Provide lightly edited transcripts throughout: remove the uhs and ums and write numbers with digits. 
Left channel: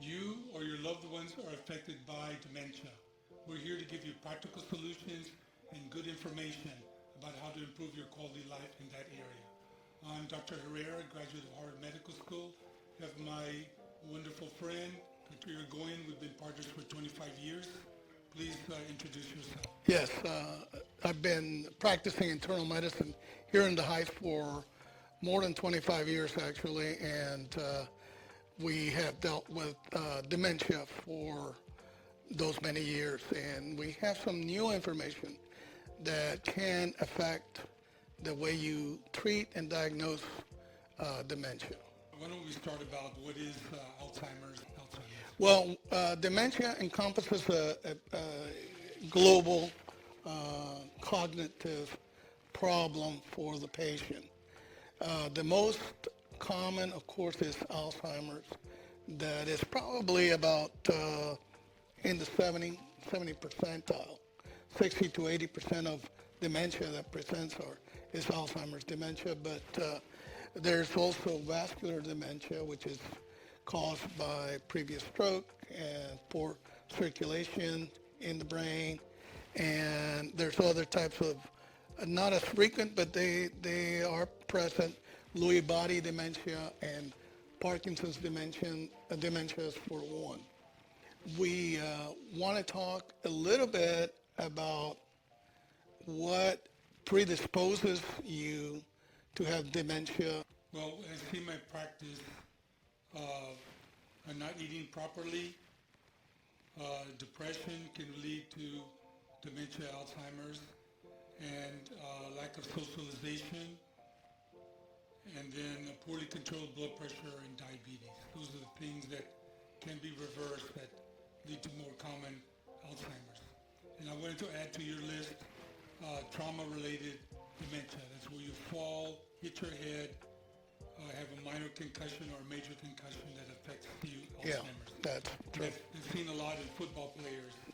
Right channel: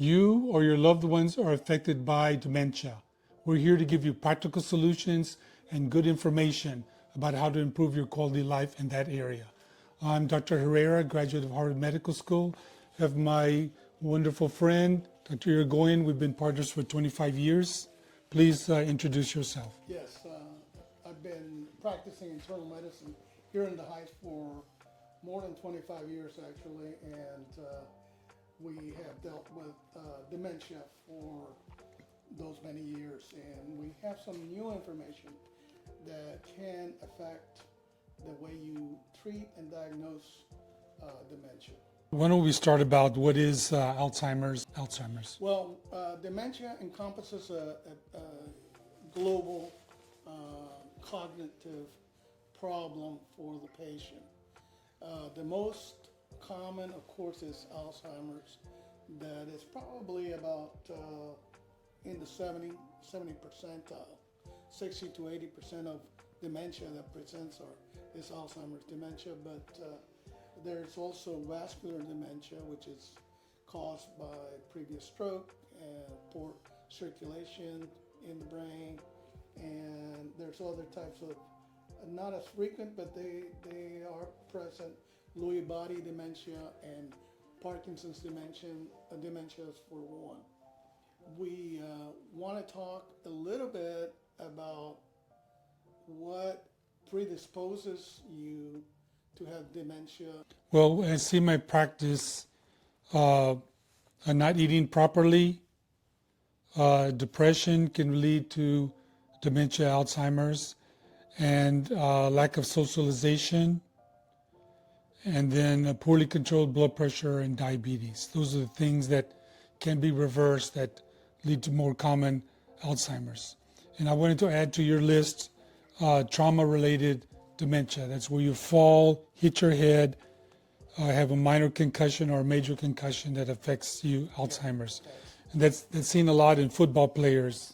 You or your loved ones are affected by dementia. We're here to give you practical solutions and good information about how to improve your quality of life in that area. I'm Dr. Herrera, graduate of Harvard Medical School. I have my wonderful friend, Dr. Yrigoyen. We've been partners for 25 years. Please introduce yourself. Yes, I've been practicing internal medicine here in the Heights for more than 25 years actually, and we have dealt with dementia for those many years, and we have some new information that can affect the way you treat and diagnose dementia. Why don't we start about what is Alzheimer's? Alzheimer's. Well, dementia encompasses a global cognitive problem for the patient. The most common, of course, is Alzheimer's. That is probably about in the 70 percentile. 60 to 80% of dementia that presents is Alzheimer's dementia, but there's also vascular dementia, which is caused by previous stroke and poor circulation in the brain. And there's other types of, not as frequent, but they are present, Lewy body dementia and Parkinson's dementias for one. We want to talk a little bit about what predisposes you to have dementia. Well, I see my practice not eating properly. Depression can lead to dementia, Alzheimer's, and lack of socialization, and then poorly controlled blood pressure and diabetes. Those are the things that can be reversed that lead to more common Alzheimer's. And I wanted to add to your list trauma-related dementia. That's where you fall, hit your head, have a minor concussion or a major concussion that affects you, Alzheimer's. Yeah, And that's seen a lot in football players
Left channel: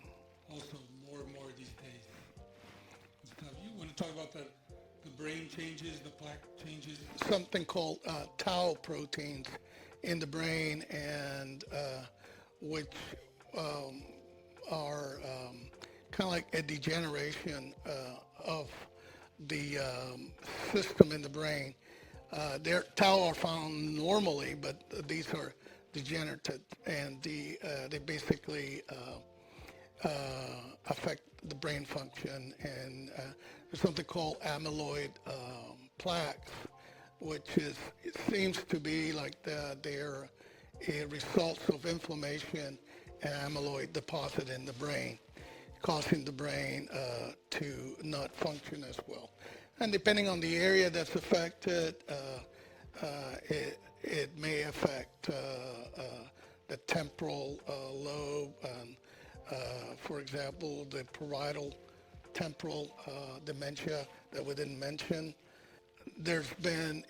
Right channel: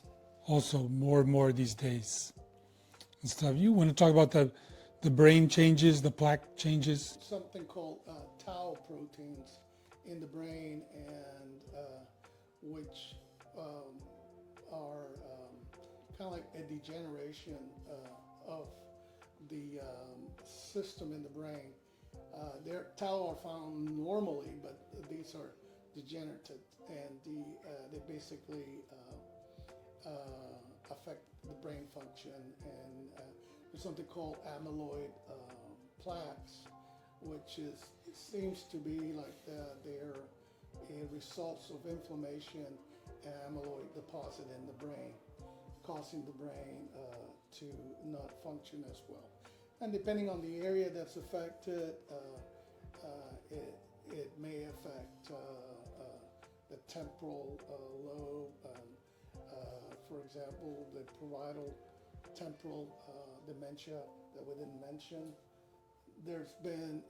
also, more and more these days and stuff. You want to talk about the brain changes, the plaque changes? something called tau proteins in the brain, and which are kind of like a degeneration of the system in the brain. Their tau are found normally, but these are degenerative, and they basically affect the brain function. And there's something called amyloid plaques, which it seems to be like they're a result of inflammation and amyloid deposit in the brain, causing the brain to not function as well. And depending on the area that's affected, it may affect the temporal lobe, and for example, the parietal temporal dementia that we didn't mention. There's been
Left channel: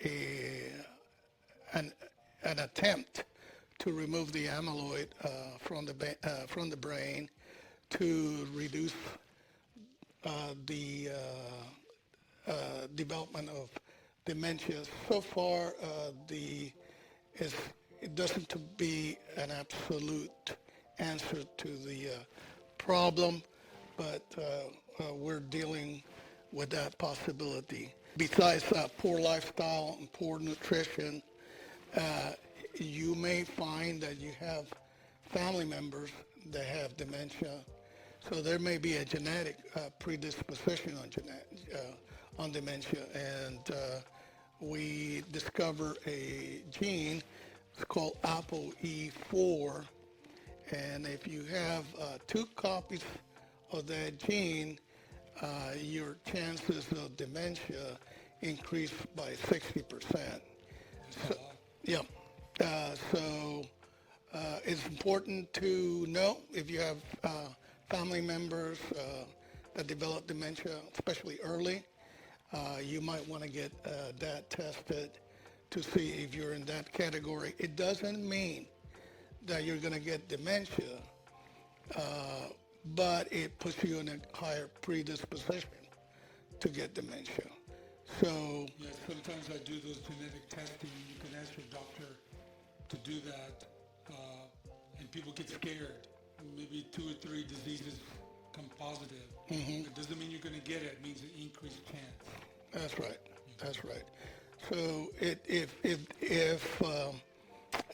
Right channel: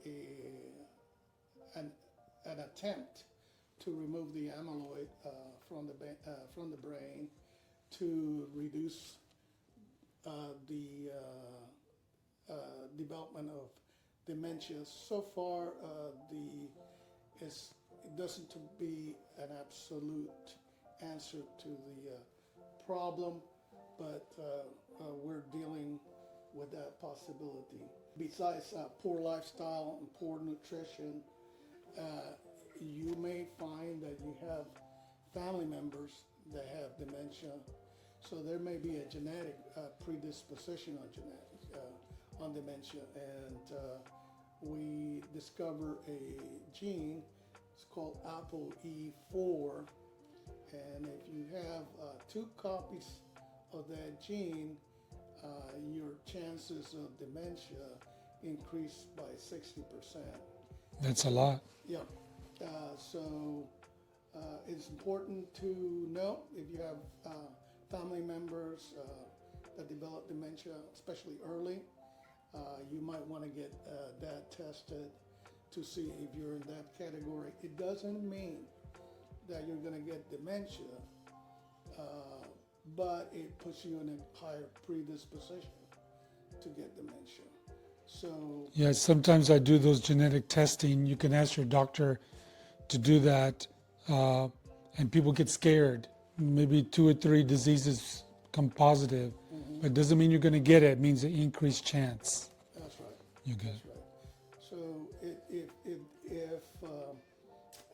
an attempt to remove the amyloid from the brain to reduce the development of dementia. So far, it doesn't to be an absolute answer to the problem, but we're dealing with that possibility. Besides poor lifestyle and poor nutrition, you may find that you have family members that have dementia. So there may be a genetic predisposition on dementia, and we discover a gene. It's called ApoE4, and if you have 2 copies of that gene, your chances of dementia increase by 60%. That's a lot. Yeah. So it's important to know if you have family members that develop dementia, especially early. You might want to get that tested to see if you're in that category. It doesn't mean that you're going to get dementia, but it puts you in a higher predisposition to get dementia. So yeah, sometimes I do those genetic testing. You can ask your doctor to do that, and people get scared. Maybe 2 or 3 diseases come positive, but it doesn't mean you're going to get it. It means an increased chance. That's right. You do. That's right. So if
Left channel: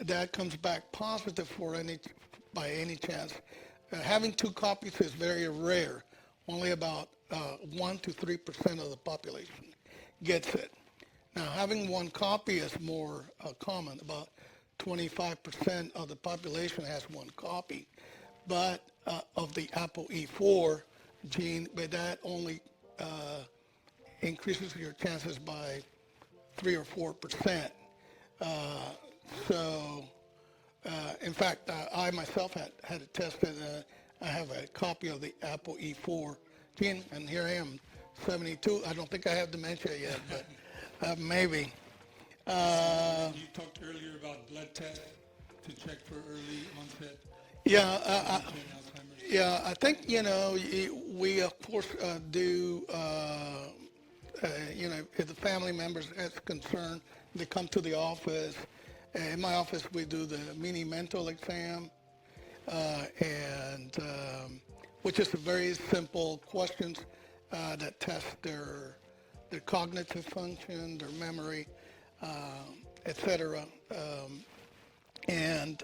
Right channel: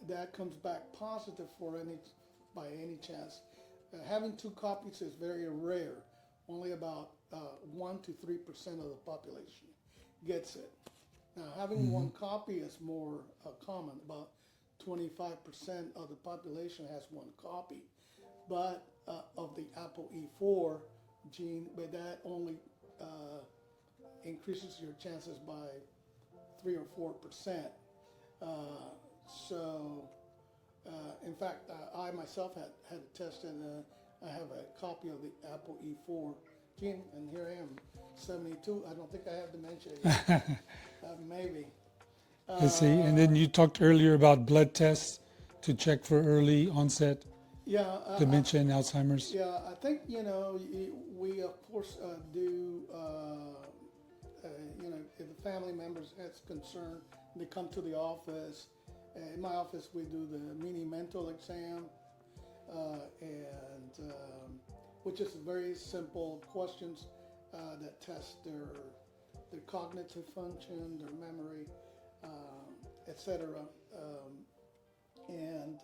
that comes back positive by any chance, having 2 copies is very rare. Only about 1 to 3% of the population gets it. Now, having 1 copy is more common. About 25% of the population has 1 copy, but of the ApoE4 gene, but that only increases your chances by 3 or 4%. So, in fact, I myself had it tested. I have a copy of the ApoE4 gene, and here I am, 72. I don't think I have dementia yet. Maybe. You see, and then you talked earlier about blood tests to check for early onset Yeah, dementia and Alzheimer's. yeah. I think we of course do. If the family members has concern, they come to the office. In my office, we do the mini mental exam, and which is a very simple questions that test their cognitive function, their memory, etc. And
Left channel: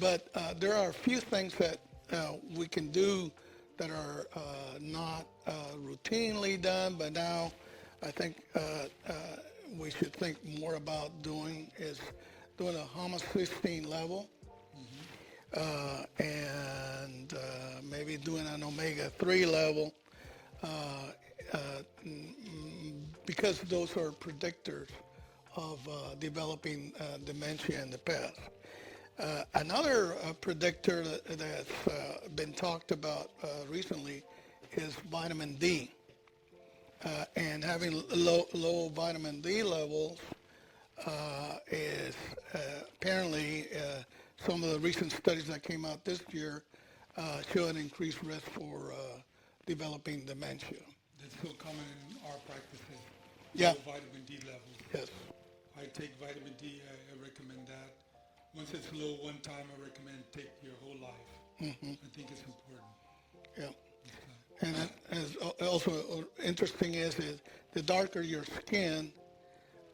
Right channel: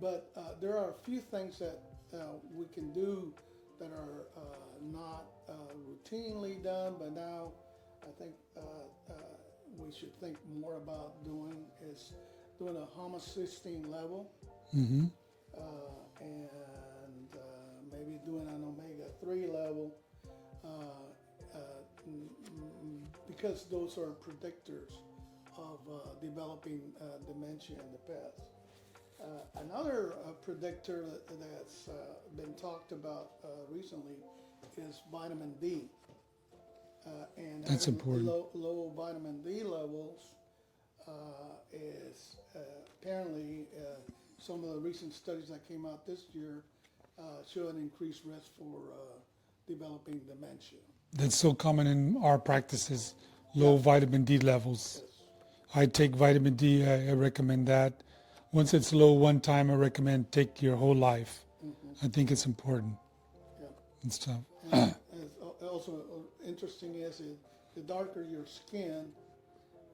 but there are a few things that we can do that are not routinely done, but now I think we should think more about doing is doing a homocysteine level, and maybe doing an omega-3 level, because those are predictors of developing dementia in the past. Another predictor that's been talked about recently is vitamin D. And having low vitamin D levels is apparently some of the recent studies that came out this year show an increased risk for developing dementia. That's so common in our practices, Yeah. low vitamin D levels. Yes. I take vitamin D, I recommend that. Once it's low one time, I recommend take your whole life. I think it's important Yeah. and stuff. And as also interesting is the darker your skin,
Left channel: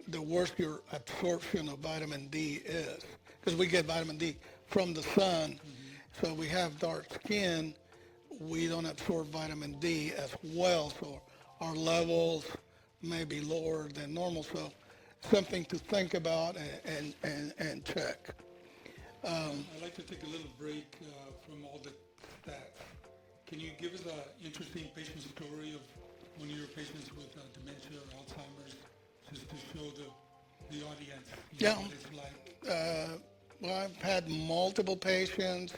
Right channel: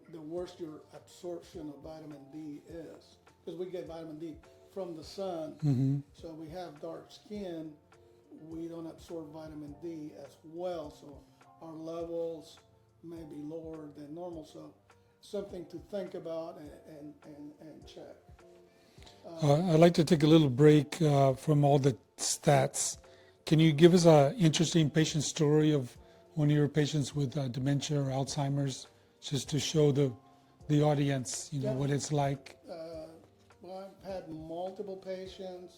the worse your absorption of vitamin D is. Because we get vitamin D from the sun, so we have dark skin, we don't absorb vitamin D as well, so our levels may be lower than normal. So something to think about and check. I'd like to take a little break from all the stats. Can you give us an interesting patient story of one of your patients with dementia or Alzheimer's, just to show the audience Yeah. what it's like? Well, I've had multiple patients,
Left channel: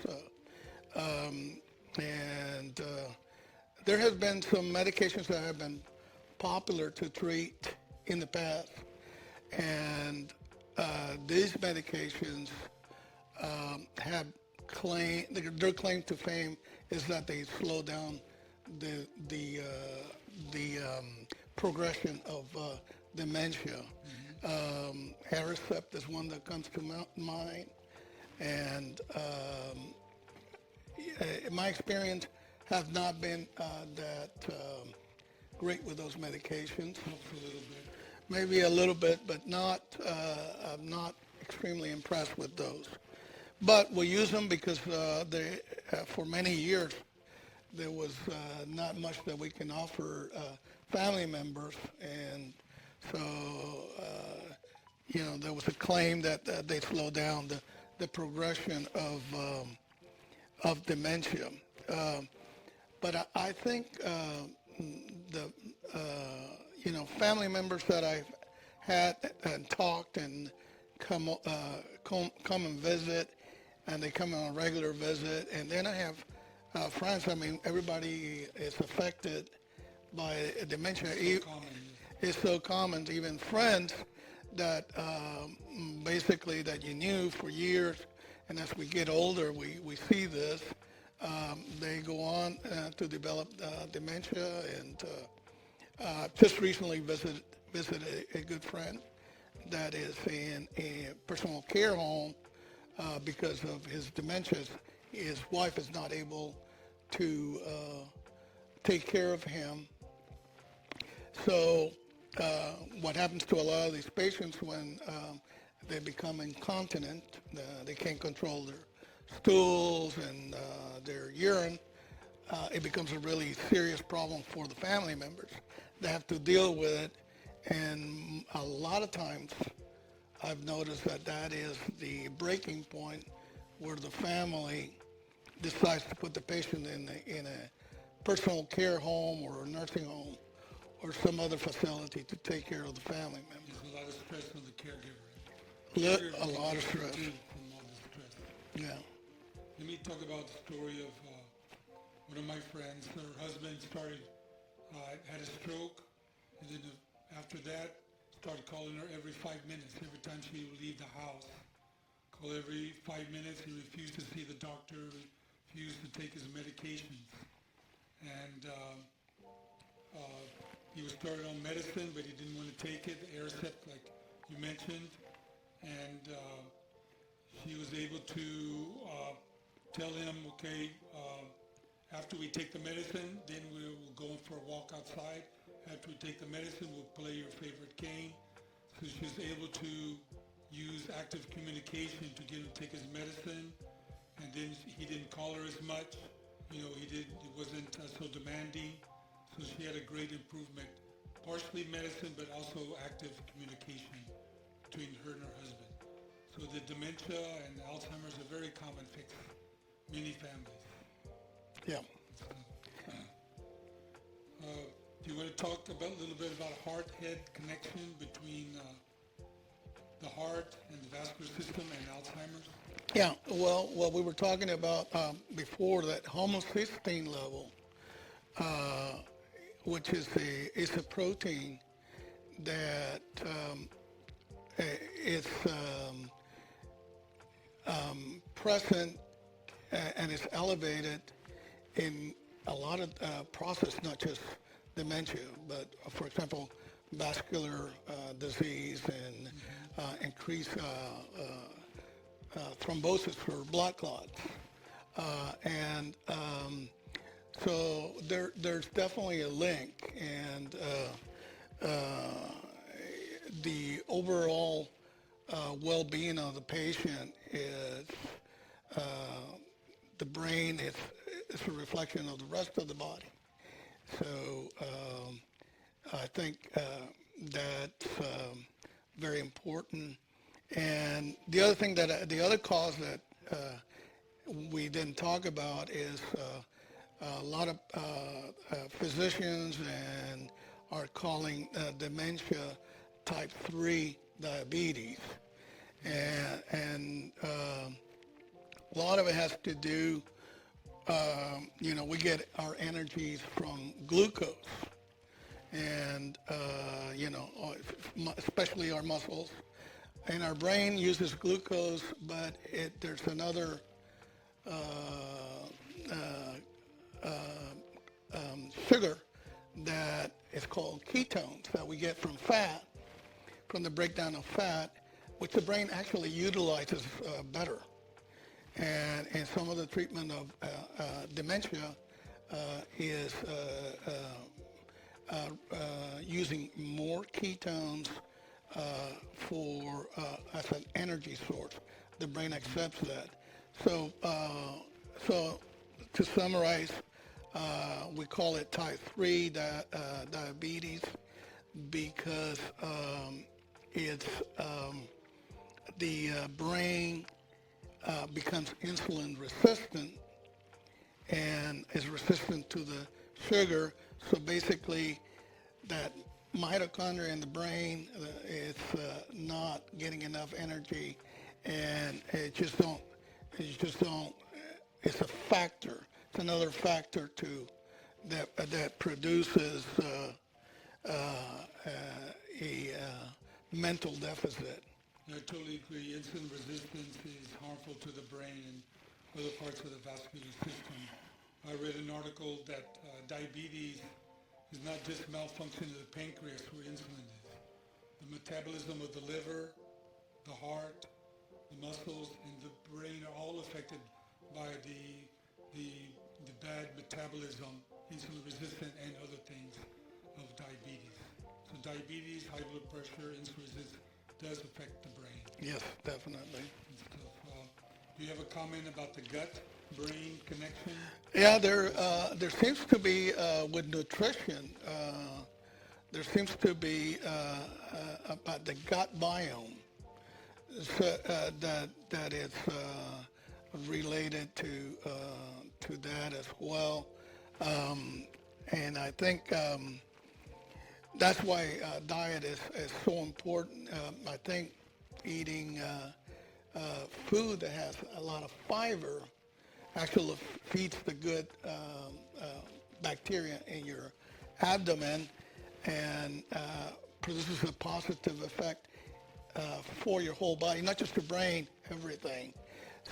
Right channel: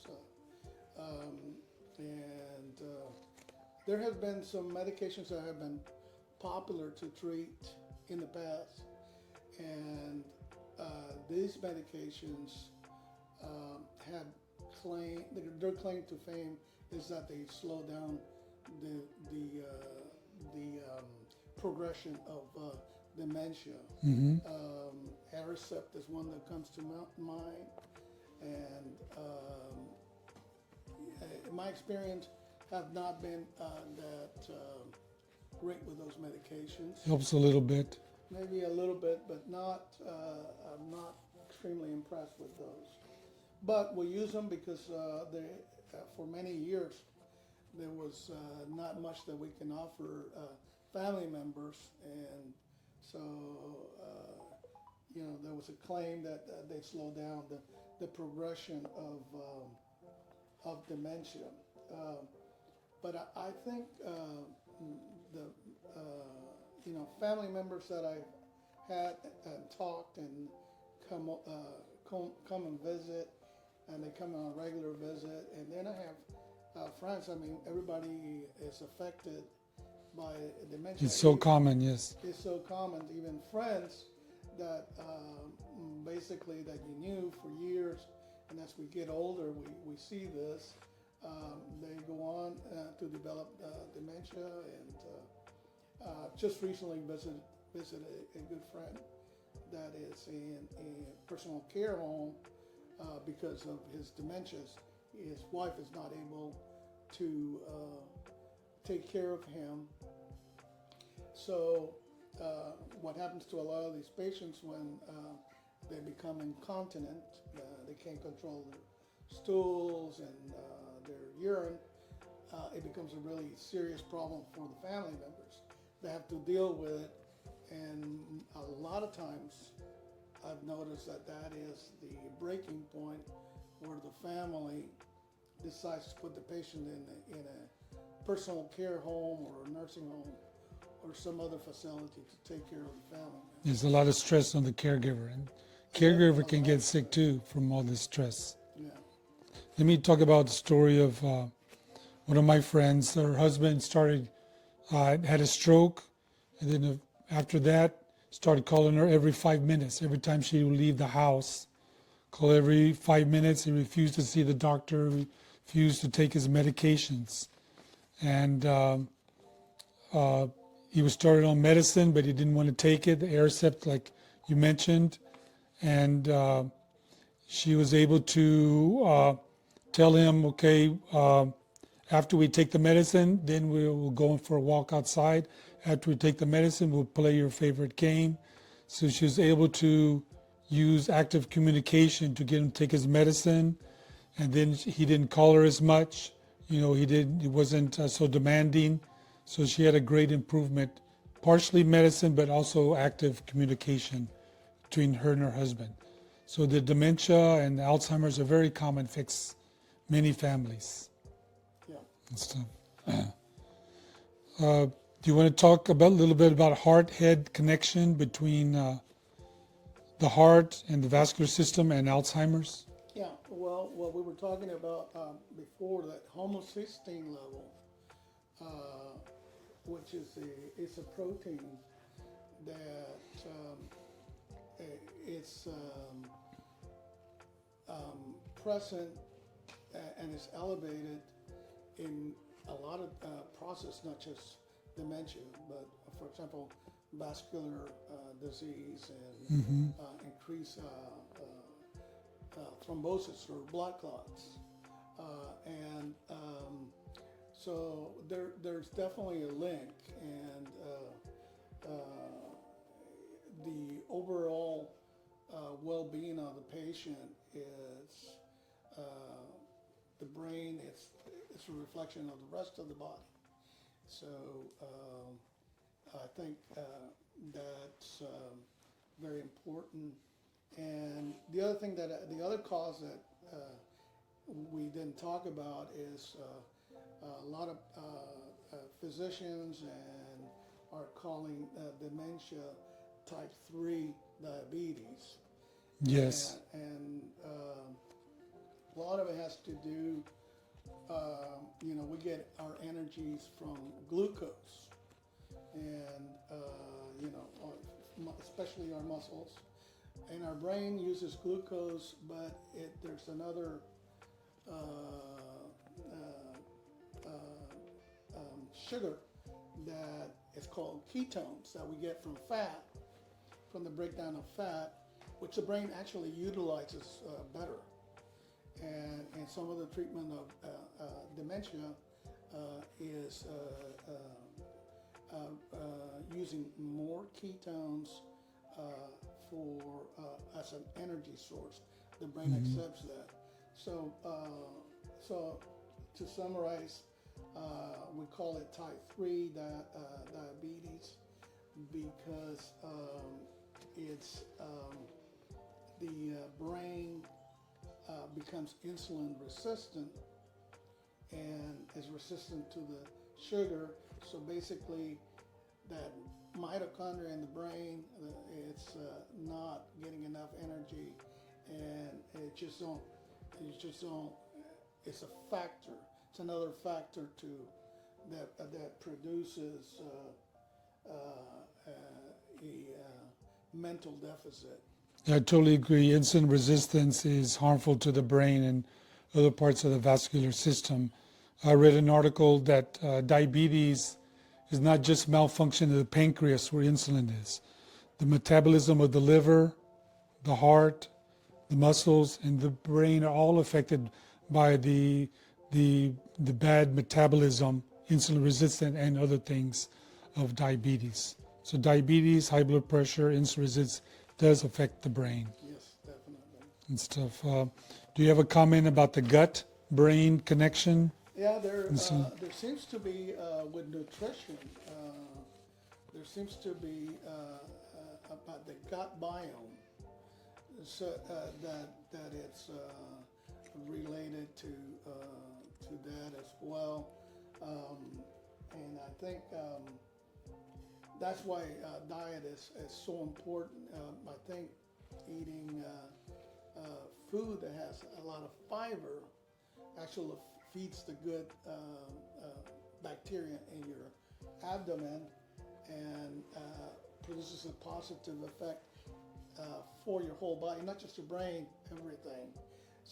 and there has been some medications that have been popular to treat in the past, and these medications have their claim to fame is that they slow down the progression of dementia. Herrera is one that comes to mind, and my experience have not been that great with those medications. Helps a little bit. Maybe a little bit, but not. I'm not extremely impressed with those. But we use them because for many years there was not much that we can offer family members, and so there was a claim that they slow down the progression of dementia. But I think the family members that I've had and talked and come and visit, and they come on a regular visit, and then I have friends. I mean, everybody is affected by dementia. It's so common, yes. It's so common. Even friends that basically that you knew for years, and as we get older, we see this. They go on to develop dementia, and just recently visited a good friend that is in a personal care home because of his dementia, his wife is not able to take care of him. So what happens to a lot of these patients when they become incontinent, they can't control their stools and their urine, it becomes a really serious problem for the family members. They have to deal with it, and a lot of times I've noticed that that is the breaking point where the family decides to put the patient in a personal care home or a nursing home or some other facility to take care of the family members. There's a lot of stress on the caregiver, and Yeah, caregiver a can lot get of sick stress. too from all this stress. Yeah. Let me talk about the story of one of my friends. Her husband had a stroke, and then after that, started calling her every 5 minutes. Every time she would leave the house, call every 5 minutes. He refused to see the doctor, refused to take his medications. And he was started on medicine, but he didn't want to take it, the Aricept, like you mentioned. And she was able to tell him, okay, after we take the medicine, then we'll go for a walk outside. After we take the medicine, we'll play your favorite game. So she was able to use active communication to get him to take his medicine. And then he didn't call her as much. He wasn't so demanding. So she had a great improvement, partially medicine, but also active communication between her and her husband. So the dementia and the Alzheimer's are very common fix many families Yeah. and stuff. Do you want to talk a little bit about heart-head connection between the heart and the vascular system and Alzheimer's? Yeah. Well, what we were talking about before, that homocysteine level, which is a protein that is present and is elevated in a lot of process, not just dementia, but for example, vascular disease and increased thrombosis for blood clots. And so there's definitely a link, and the overall well-being of the patient is the brain is a reflection of the rest of the body. So I think that's very important. And the other cause that we didn't talk about is a lot of physicians and are calling dementia type 3 diabetes. Yes. And a lot of it has to do, we get our energies from glucose. And, especially our muscles. And our brain uses glucose, but there's another sugar that is called ketones that we get from fat, from the breakdown of fat, which the brain actually utilizes better. And some of the treatment of dementia is using more ketones as an energy source. The brain accepts that. So to summarize, we call it type 3 diabetes because it's the brain becomes insulin resistant and is resistant to the sugar. So basically, that mitochondria in the brain is not getting enough energy, and it just don't. It's a factor. It's another factor that produces a mental deficit. I totally agree. Insulin resistance is harmful to the brain and other parts of the vascular system. I read an article that diabetes is not just malfunction of the pancreas where insulin is. The metabolism of the liver, the heart, the muscles and the brain are all affected by the bad metabolism, insulin resistant and other things of diabetes. So diabetes, high blood pressure, insulin resistance does affect the brain Yes, definitely. and stuff. Do you have a comment about the gut-brain connection? Yeah, there seems to be with nutrition. There seems to be about the gut biome, so, that is related to that as well. And I think that's why diet is so important. I think eating food that has a lot of fiber actually feeds the good bacteria in your abdomen and produces a positive effect for your whole body, not just your brain, everything.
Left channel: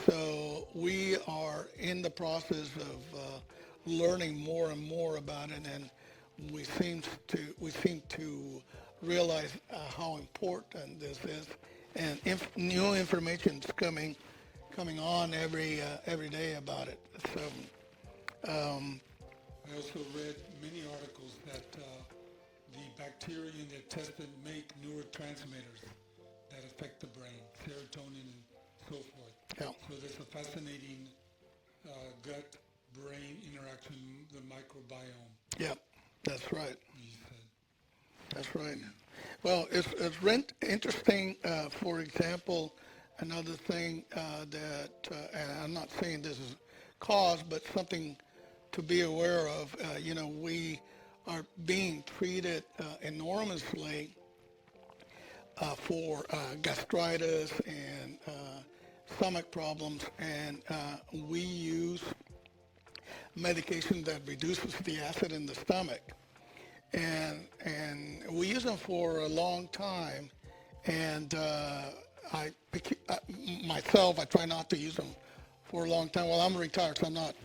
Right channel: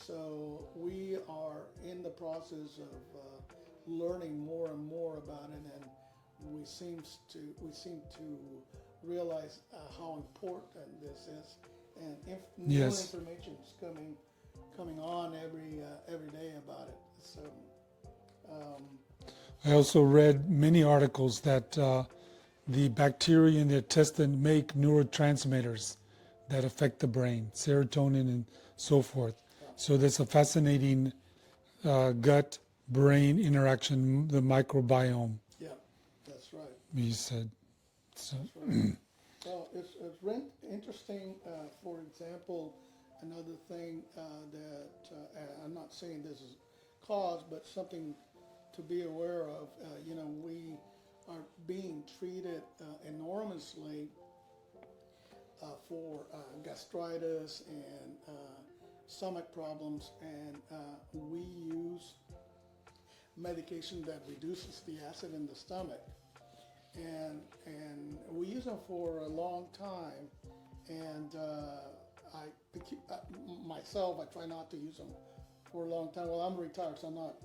So we are in the process of learning more and more about it, and we seem to realize how important this is, and new Yes. information is coming on every day about it. So I also read many articles that the bacteria in the intestine make neurotransmitters that affect the brain, serotonin and so forth. yeah, So that's a fascinating gut-brain interaction, the microbiome, yeah, that's right. you said. So, That's right. Well, it's interesting. For example, another thing and I'm not saying this is cause, but something to be aware of. We are being treated enormously for gastritis and stomach problems, and we use medication that reduces the acid in the stomach. And we use them for a long time, and myself, I try not to use them for a long time. Well, I'm retired, so I'm not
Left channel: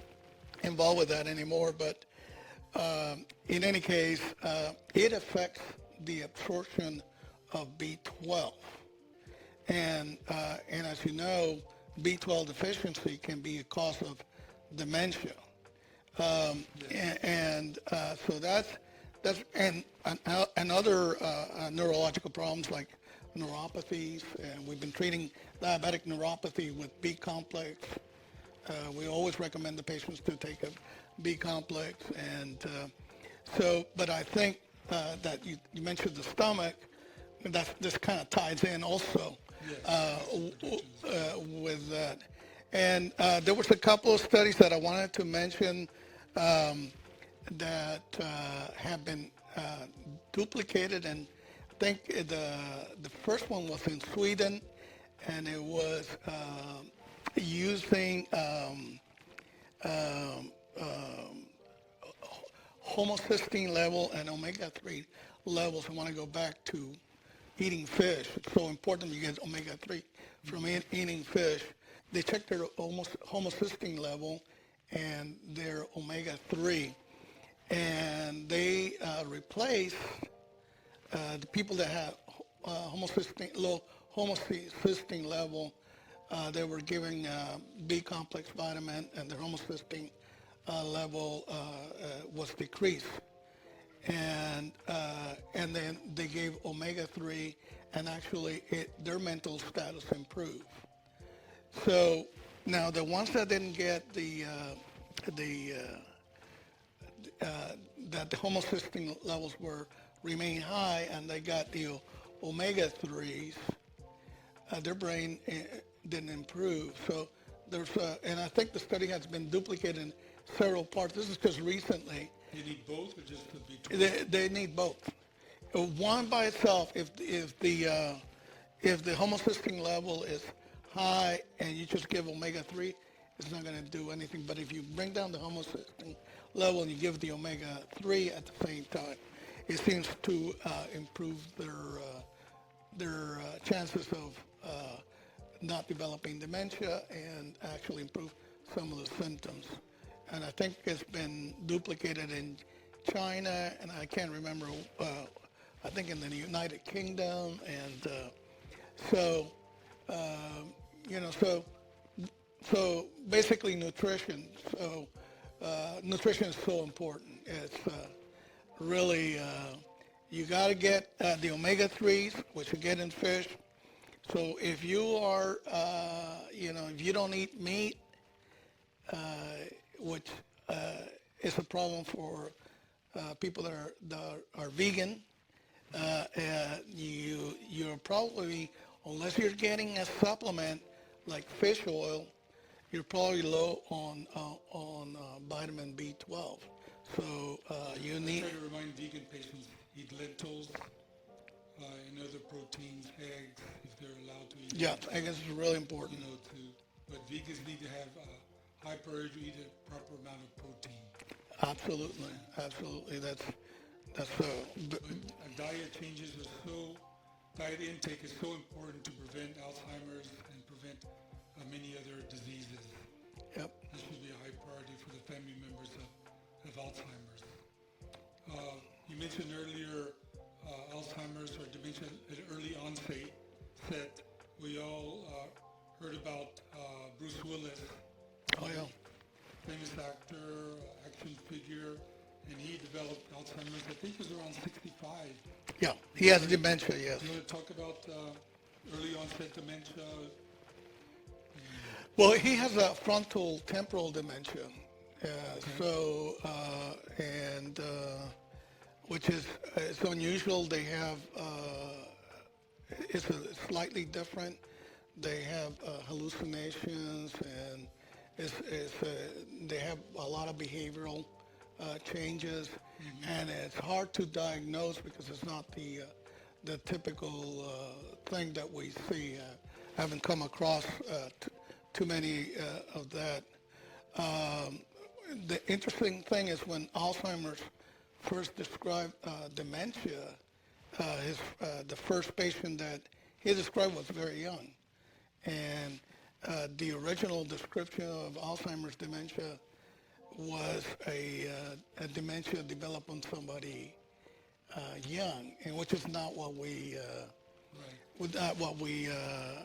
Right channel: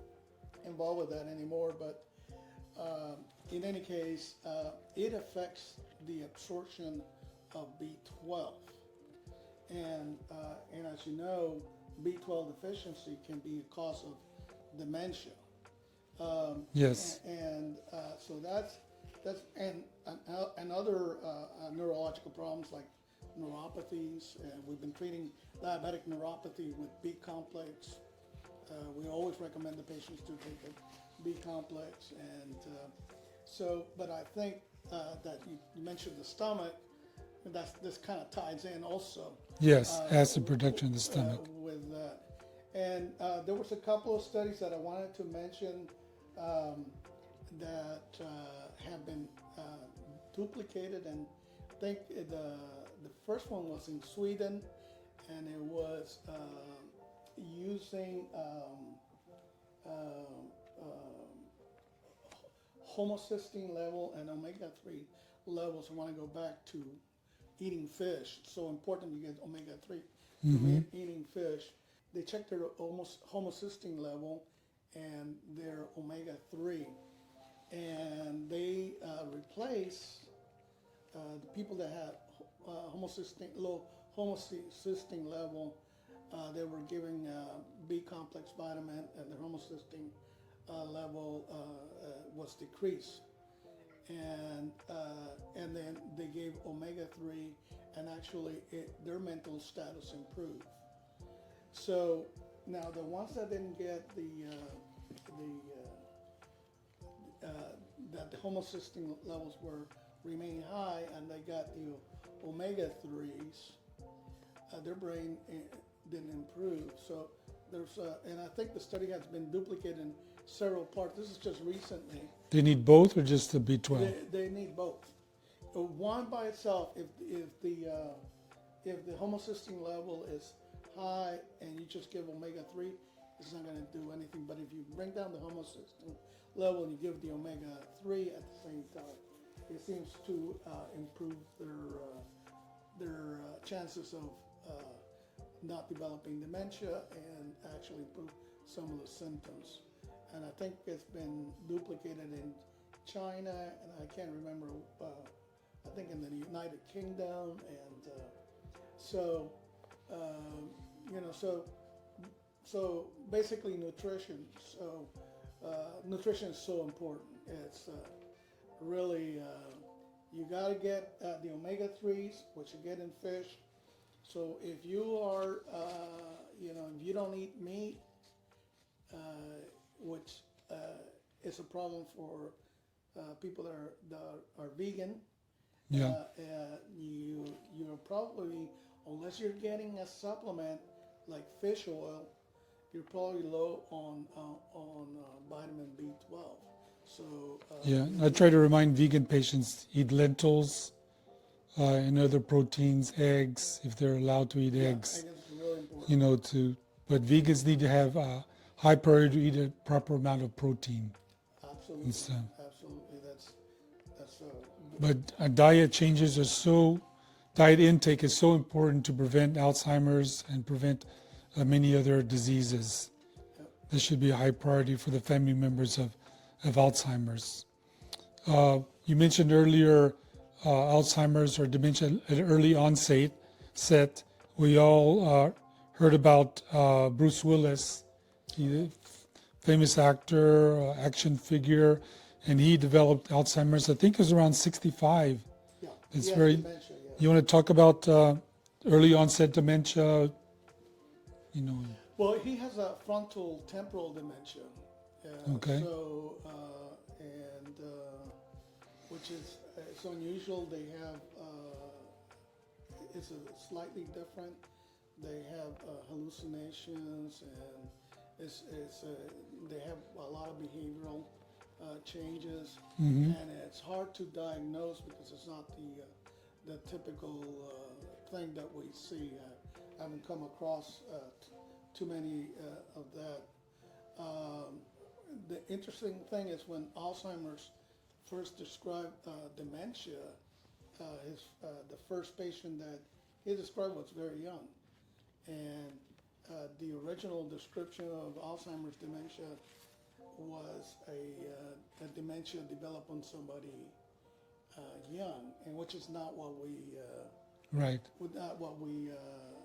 involved with that anymore, but in any case, it affects the absorption of B12. And as you know, B12 deficiency can be a cause of dementia. yes, So and other neurological problems like neuropathies, and we've been treating diabetic neuropathy with B complex. We always recommend the patients to take a B complex, and but I think that you mentioned the stomach, and this kind of ties in also yes, acid production in the stomach. with that. And there was a couple of studies that I wanted to mention that have been duplicated, and I think the first one was in Sweden, and it was using homocysteine level and omega-3 levels. I want to go back to eating fish. It's so important you get omega-3 from eating fish. They checked their homocysteine level and their omega-3, and they replaced the people that had low homocysteine level. They were giving B complex vitamin, and their homocysteine level was decreased. And then they gave omega-3, and actually their mental status improved. So now the ones that didn't get that the homocysteine levels remain high, and they got the omega-3s, their brain didn't improve. So and I think the study has been duplicated in several parts. This is just recently. Do you need both or just the B12? They need both. One by itself, if the homocysteine level is high and you just give omega-3, it's not going to do anything. But if you bring down the homocysteine level and you give the omega-3 at the same time, it seems to improve their chances of not developing dementia and actually improve some of the symptoms. And I think it's been duplicated in China, and I can't remember, I think in the United Kingdom. And so So basically nutrition. So nutrition is so important. It's really you got to get the omega-3s, which you get in fish. So if you are, if you don't eat meat, uh, which is a problem for people that are vegan, you're probably, unless you're getting a supplement like fish oil, you're probably low on vitamin B12. So Yeah, you I try need, to remind vegan patients eat lentils and other proteins, eggs, if they're allowed to eat yeah, I eggs. guess it's really You important. know, but vegans need to have high priority to eat a proper amount of protein. It's, Absolutely, absolutely. That's but diet changes are diet intake is so important to prevent Alzheimer's and prevent many other diseases. yep. This should be a high priority for the family members of Alzheimer's. You mentioned earlier Alzheimer's or dementia at early onset. We all heard about Bruce Willis, Oh yeah, the famous actor, action figure, and he developed Alzheimer's. I think it was around 65. yeah. He It's has very. dementia. Yes. You want to talk about early onset dementia? You know, Well, he has a frontal temporal dementia. Uh, okay. so and which is it's unusual. They have it's slightly different. They have hallucinations and they have a lot of behavioral changes, and it's hard to diagnose because it's not the typical thing that we see. I haven't come across too many of that. The interesting thing is when Alzheimer's first described dementia, the first patient that he described was very young, and the original description of Alzheimer's dementia was a dementia developed on somebody young, and which is not what we Right.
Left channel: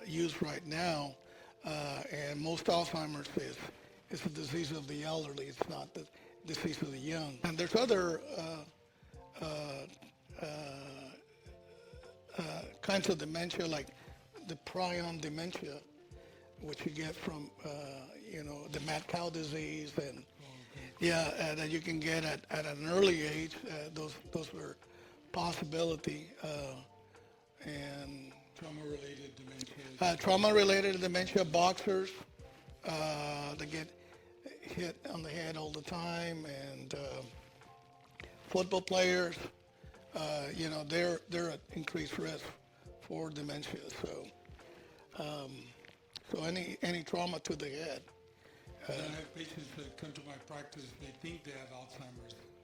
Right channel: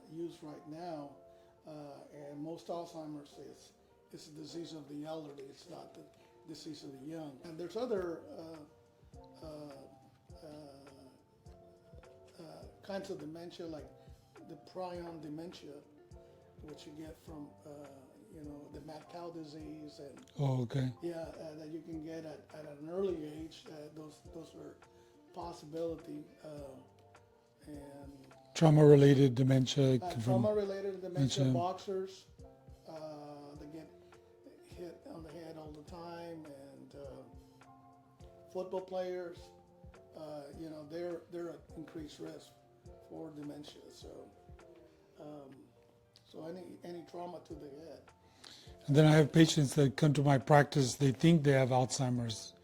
use right now. And most Alzheimer's is a disease of the elderly. It's not the disease of the young. And there's other kinds of dementia, like the prion dementia, which you get from, the mad cow disease, and Oh, okay. yeah, that you can get at an early age. Those were possibility, and Trauma-related dementia. Could be- trauma-related dementia, dementia. boxers, they get hit on the head all the time, and football players, they're at increased risk for dementia. So any trauma to the head. And then I have patients that come to my practice. They think they have Alzheimer's.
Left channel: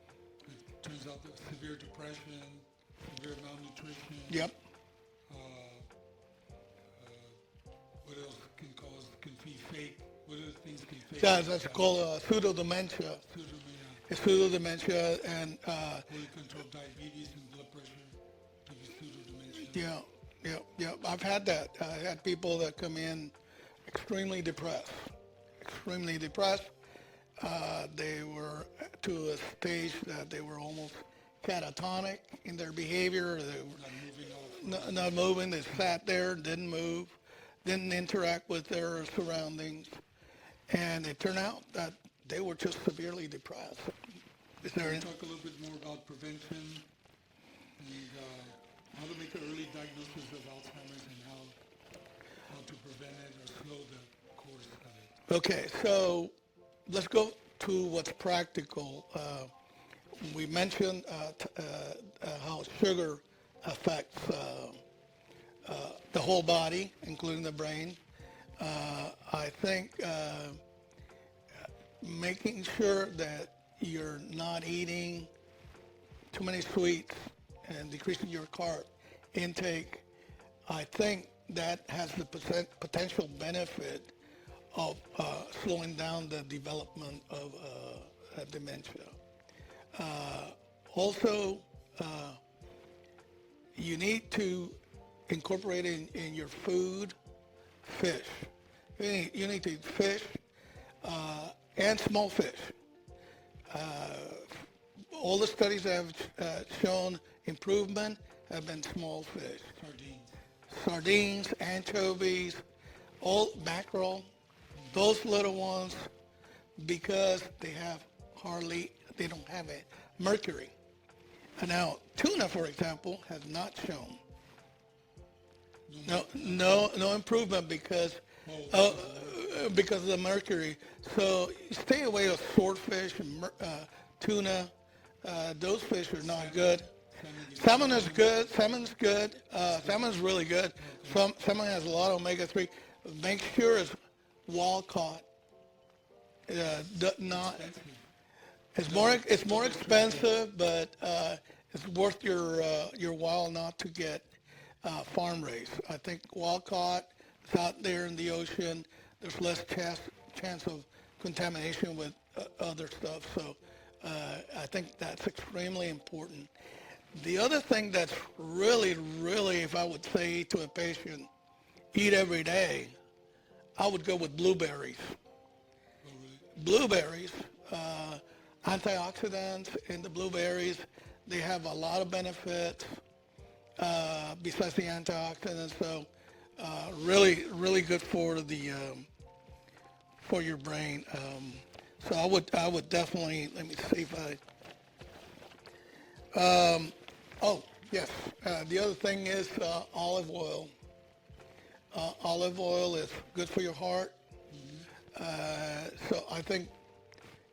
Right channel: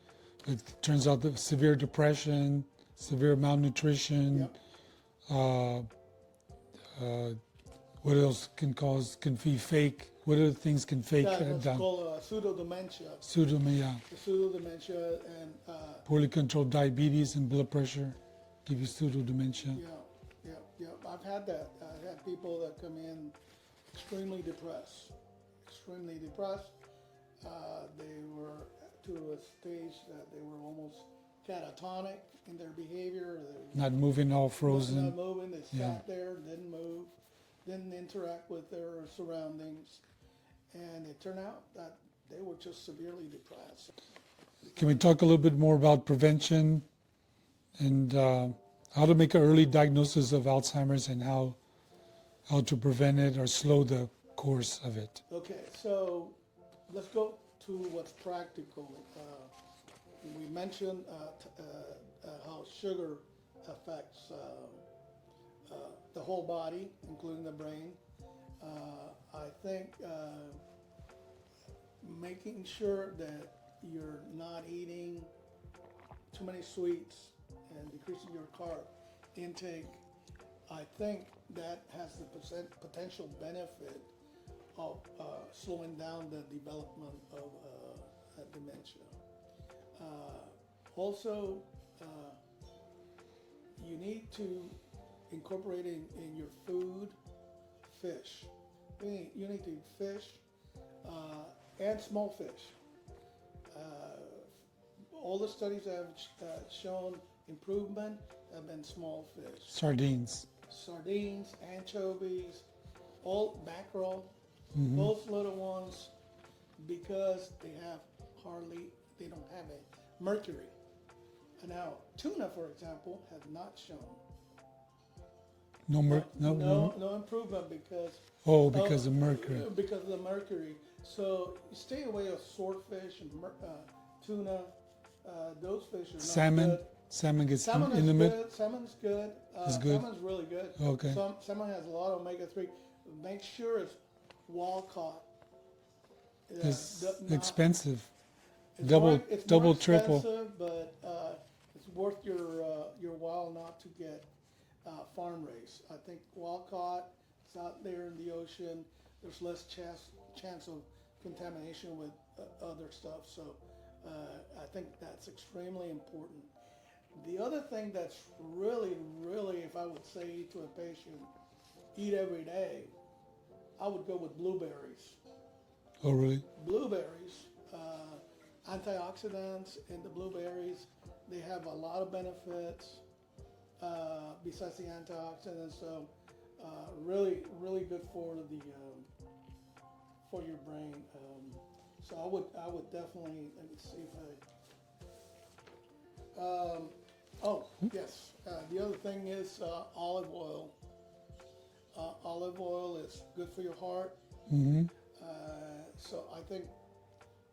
It turns out that severe depression, severe malnutrition. Yep. Uh, what else can be fake? What other things can fake? That's called pseudo-dementia. Pseudomia, It's pseudo-dementia, and poorly controlled diabetes and blood pressure give you pseudo-dementia. yeah. I've had that. I had people that come in extremely depressed. They were to a stage that they were almost catatonic in their behavior. They Not moving, all frozen. not moving. They sat there, didn't move, didn't interact with their surroundings, and it turned out that they were just severely depressed. Is Can there we any- talk a little bit more about prevention and how to make an early diagnosis of Alzheimer's and how to prevent it or slow the course of it? Okay, so let's go to what's practical. We mentioned how sugar affects the whole body, including the brain. I think making sure that you're not eating too many sweets and decreasing your carb intake, I think that has the potential benefit of slowing down the development of dementia. Also, you need to incorporate in your food fish. You need to eat fish and small fish. All the studies that have shown improvement have been small fish. Sardines. Sardines, anchovies, all mackerel, those little ones, because they don't have a mercury. And now, tuna, for example, has not shown no improvement because because of mercury. because of the mercury. So stay away with swordfish and tuna. Those fish are not Salmon. good. Salmon gets Salmon is limit. good. Salmon's good. Salmon's really good. Okay. Salmon has a lot of omega-3. Make sure it's wild caught. It's Not, expensive. it's Double- more double, triple. expensive, but it's worth your while not to get farm raised. I think wild caught is out there in the ocean. There's less chance of contamination with other stuff. So I think that's extremely important. The other thing that's really, if I would say to a patient, eat every day, I would go with blueberries. Oh, really? Blueberries, antioxidants in the blueberries, they have a lot of benefits besides the antioxidants. So really good for for your brain. So I would definitely, let me see if oh, yes. The other thing is olive oil. Olive oil is good for your heart. So I think,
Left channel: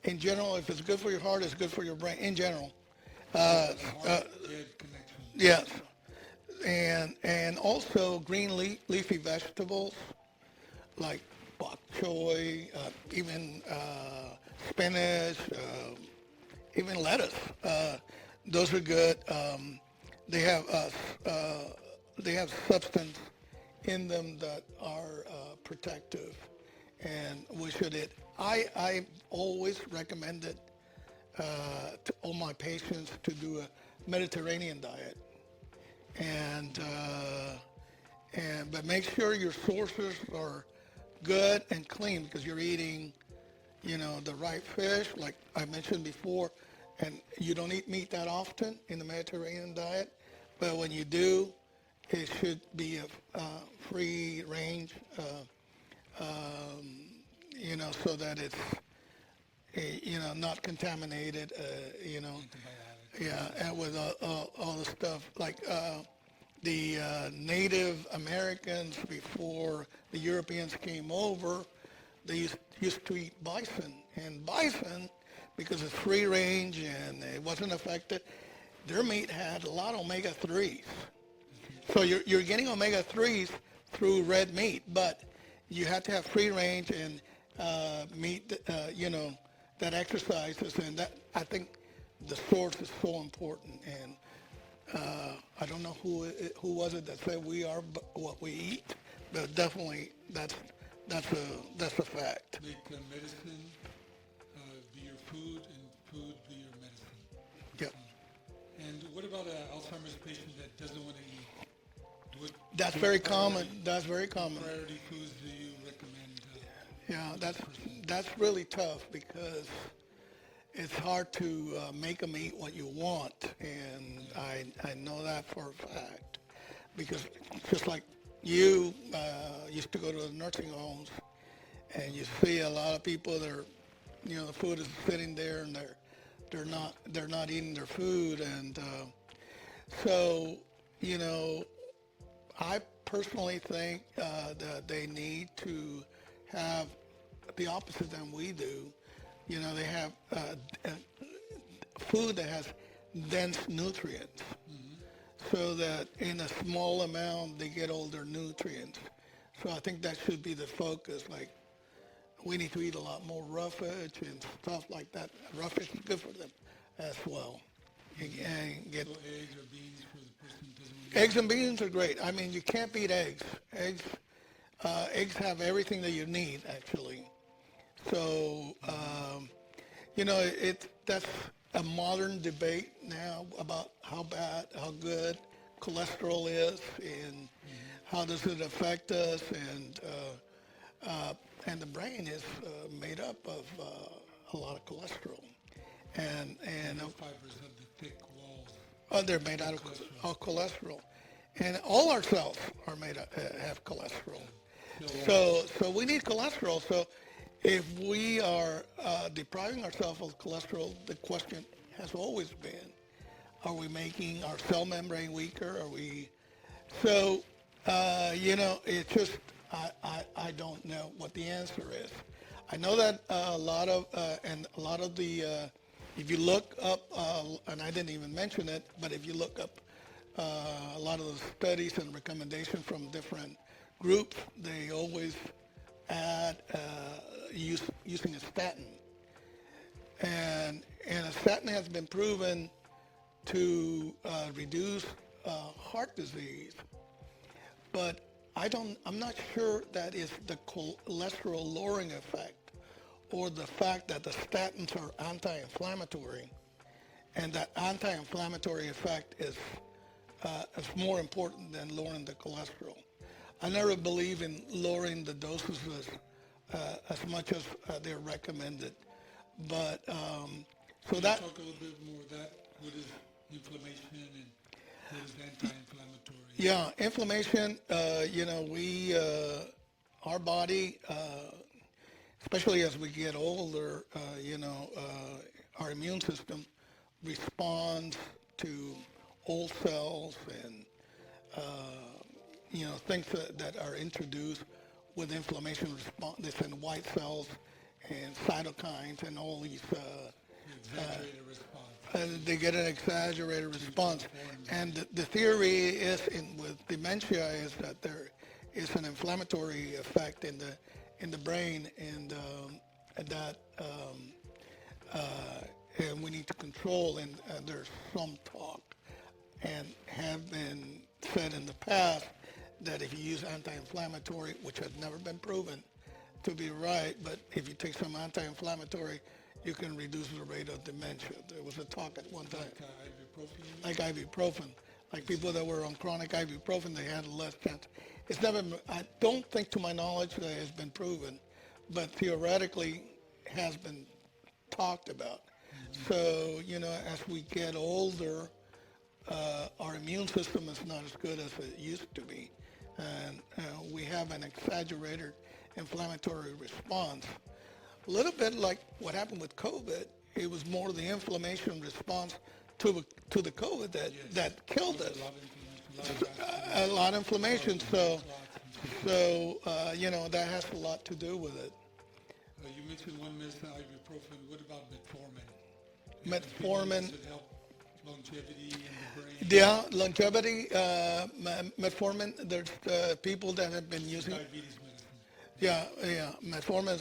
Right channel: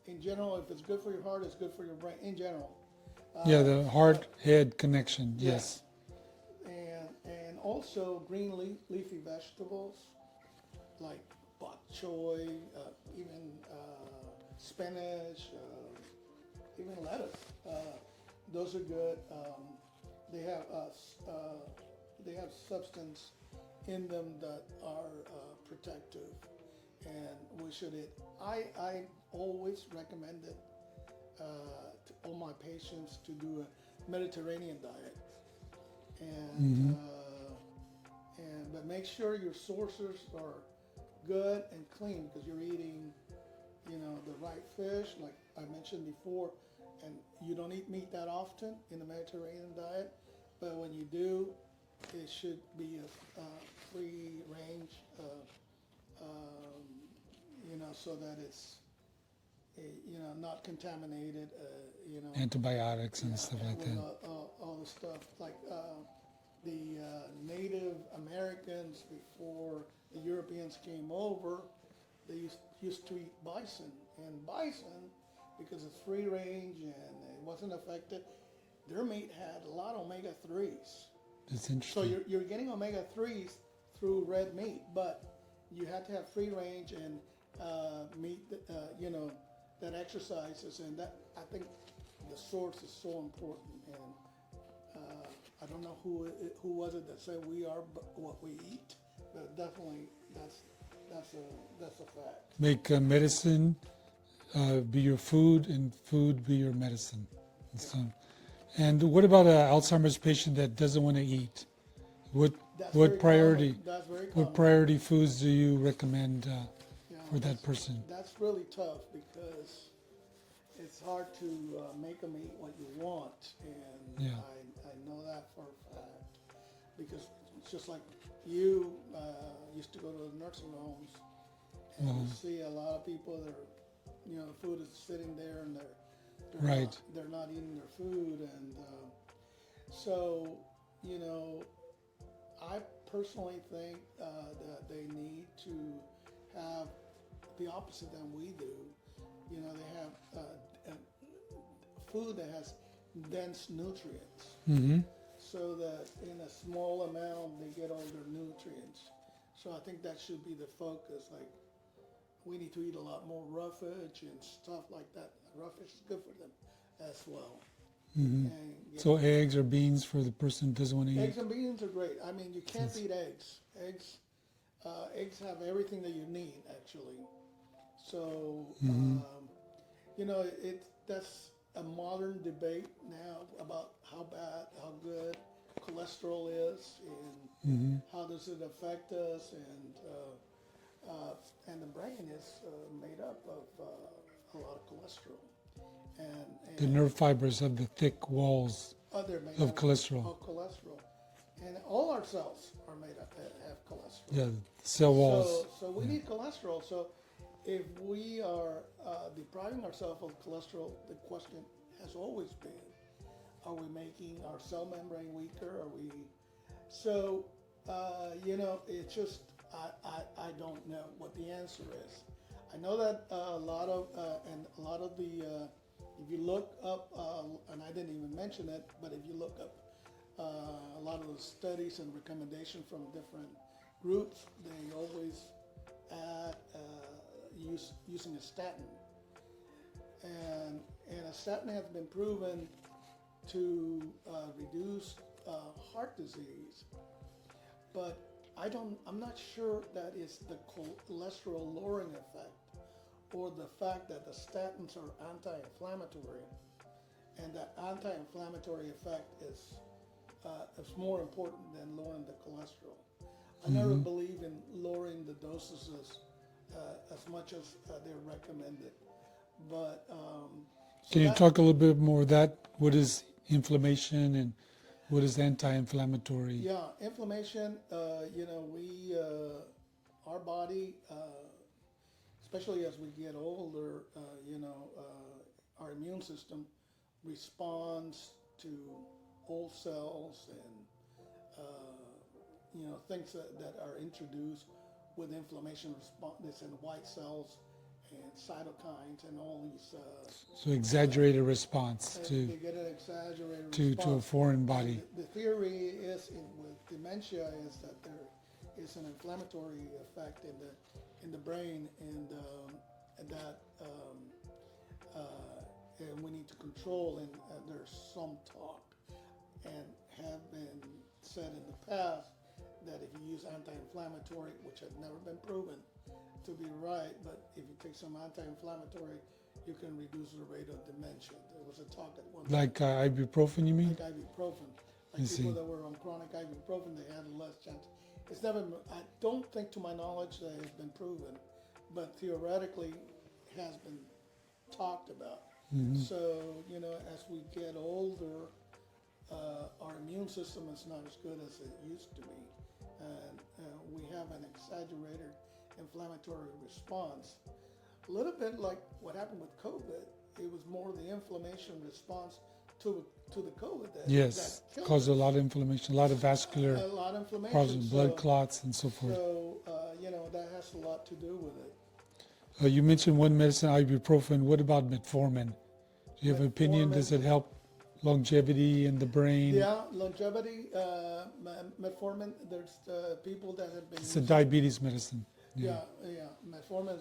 in general, if it's good for your heart, it's good for your brain, in general. The heart-head connection. Yes. And also green leafy vegetables like bok choy, even spinach, even lettuce. Those are good. They have substance in them that are protective, and we should eat. I always recommended to all my patients to do a Mediterranean diet, and but make sure your sources are good and clean because you're eating, the right fish, like I mentioned before, and you don't eat meat that often in the Mediterranean diet, but when you do, it should be a free range, so that it's, not contaminated, Antibiotics. yeah, And stuff and like with that. all the stuff like the Native Americans before the Europeans came over, they used to eat bison, and bison, because it's free range and it wasn't affected, their meat had a lot of omega-3s. It's So interesting. you're getting omega-3s through red meat, but you have to have free range and meat, that exercises, and that, I think the source is so important. And I don't know who was it that said we are what we eat, but definitely that's a fact. Make medicine be your food and food be your medicine. Yeah. So, and what about an Alzheimer's patient that doesn't want to eat? That's What very priority? common. That's very common. What priority foods do you recommend Yeah, for that person? that's really tough because it's hard to make them eat what you want, and Yeah. I know that for a fact because just like you used to go to the nursing homes, and you see a lot of people that are, the food is sitting there and Right. they're not eating their food, and so I personally think that they need to have the opposite than we do. They have food that has dense nutrients, so that in a small amount they get all their nutrients. So I think that should be the focus. Like we need to eat a lot more roughage and stuff like that. Roughage is good for them as well. And get So eggs or beans for the person who doesn't want to eat? eggs and beans are great. I mean, you can't beat eggs. Eggs have everything that you need, actually. So, that's a modern debate now about how bad, how good cholesterol is, and how does it affect us. And And the brain is made up of a lot of cholesterol. And, The and nerve fibers have the thick walls they're made of out cholesterol. of cholesterol. And all our cells are made up, have cholesterol. Yeah, cell So, walls. so we need cholesterol. So if we are depriving ourselves of cholesterol, the question has always been, are we making our cell membrane weaker? Are we? So, it just, I don't know what the answer is. I know that a lot of, if you look up, and I didn't even mention it, but if you look up a lot of the studies and recommendations from different groups, they always add using a statin. And a statin has been proven to reduce heart disease, but I'm not sure that is the cholesterol lowering effect or the fact that the statins are anti-inflammatory, and that anti-inflammatory effect is more important than lowering the cholesterol. I never believe in lowering the doses as much as they're recommended, but so Can you that talk a little bit more of that? What is inflammation and what is anti-inflammatory? yeah, inflammation. Our body, especially as we get older, our immune system responds to old cells and things that are introduced with inflammation response. They send white cells and cytokines and all these. So exaggerated response And they get an exaggerated to a response. foreign body. And the theory is with dementia is that there is an inflammatory effect in the brain, and that and we need to control. And there's some talk and have been said in the past that if you use anti-inflammatory, which has never been proven to be right, but if you take some anti-inflammatory, you can reduce the rate of dementia. There was a talk at one time. Like ibuprofen, you mean? Like ibuprofen. Like people that were on chronic ibuprofen, they had less chance. It's never, I don't think to my knowledge that it has been proven, but theoretically has been talked about. So, as we get older, our immune system is not as good as it used to be. And we have an exaggerated inflammatory response. A little bit like what happened with COVID. It was more the inflammation response to the COVID that killed caused us. a lot of inflammation, a lot of vascular, A lot of inflammation. causes blood clots and so forth. So that has a lot to do with it. You mentioned one medicine, ibuprofen. What about metformin? Do you have an opinion? Does it help longevity in the brain? Yeah, longevity, metformin. There's people that have been It's a using. diabetes medicine. Yeah, metformin.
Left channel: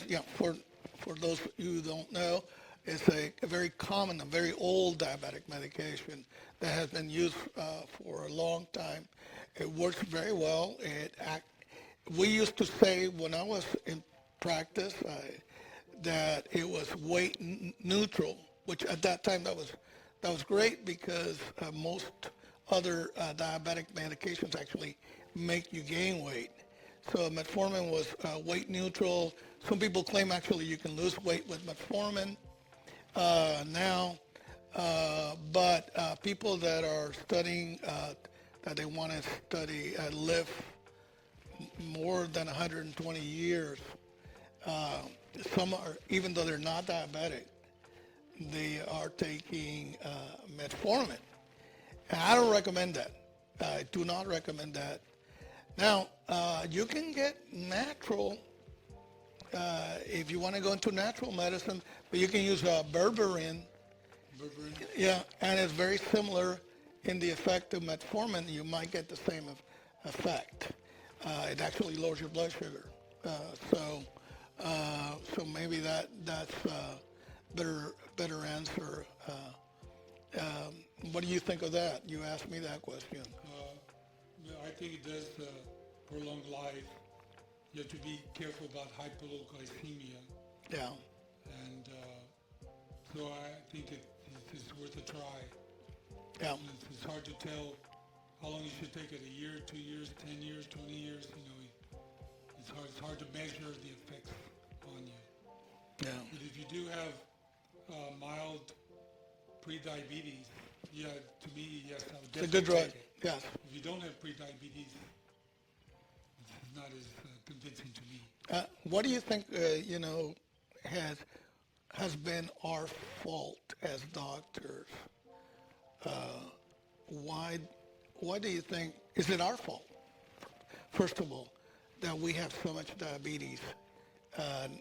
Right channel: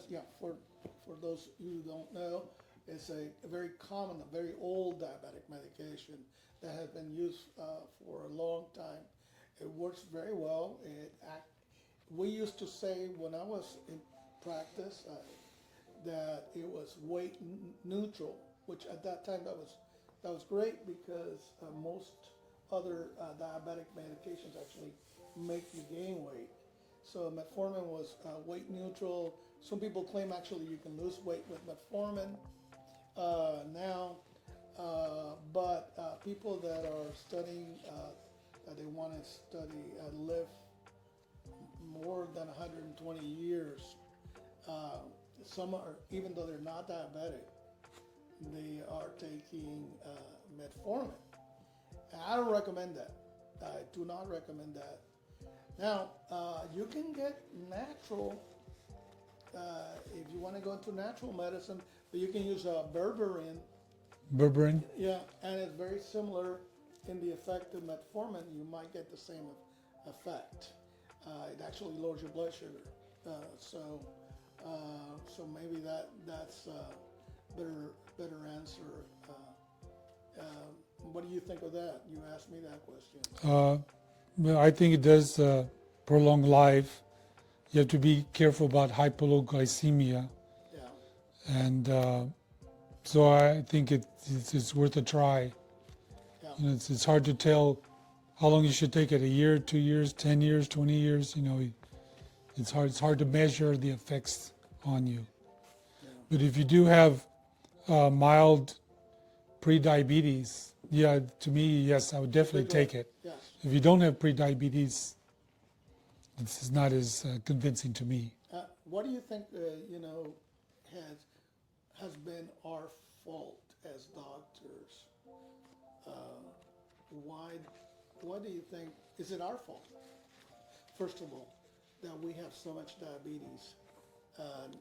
For those who don't know, it's a very common, a very old diabetic medication that has been used for a long time. It works very well. We used to say when I was in practice that it was weight neutral, which at that time that was great because most other diabetic medications actually make you gain weight. So metformin was weight neutral. Some people claim actually you can lose weight with metformin now, but people that are studying, that they want to study, live more than 120 years, some are, even though they're not diabetic, they are taking metformin. And I don't recommend that. I do not recommend that. Now, you can get natural, if you want to go into natural medicine, but you can use berberine. Berberine? Yeah, and it's very similar in the effect of metformin. You might get the same effect. It actually lowers your blood sugar. So maybe that's a better answer. What do you think of that? You asked me that question. Well, I think it does prolong life. You have to be careful about hypoglycemia. Yeah. And so I think it's worth a try. Yeah. It's hard to tell how long you should take it, a year, 2 years, 10 years, 20 years, It's hard to measure the effects on you. Yeah. But if you do have mild pre-diabetes, yeah, to me, yes, I would You did definitely right. take it. Yes. If you don't have pre-diabetes, this is not as convincing to me. What do you think, has has been our fault as doctors? Uh, why why do you think is it our fault? First of all, that we have so much diabetes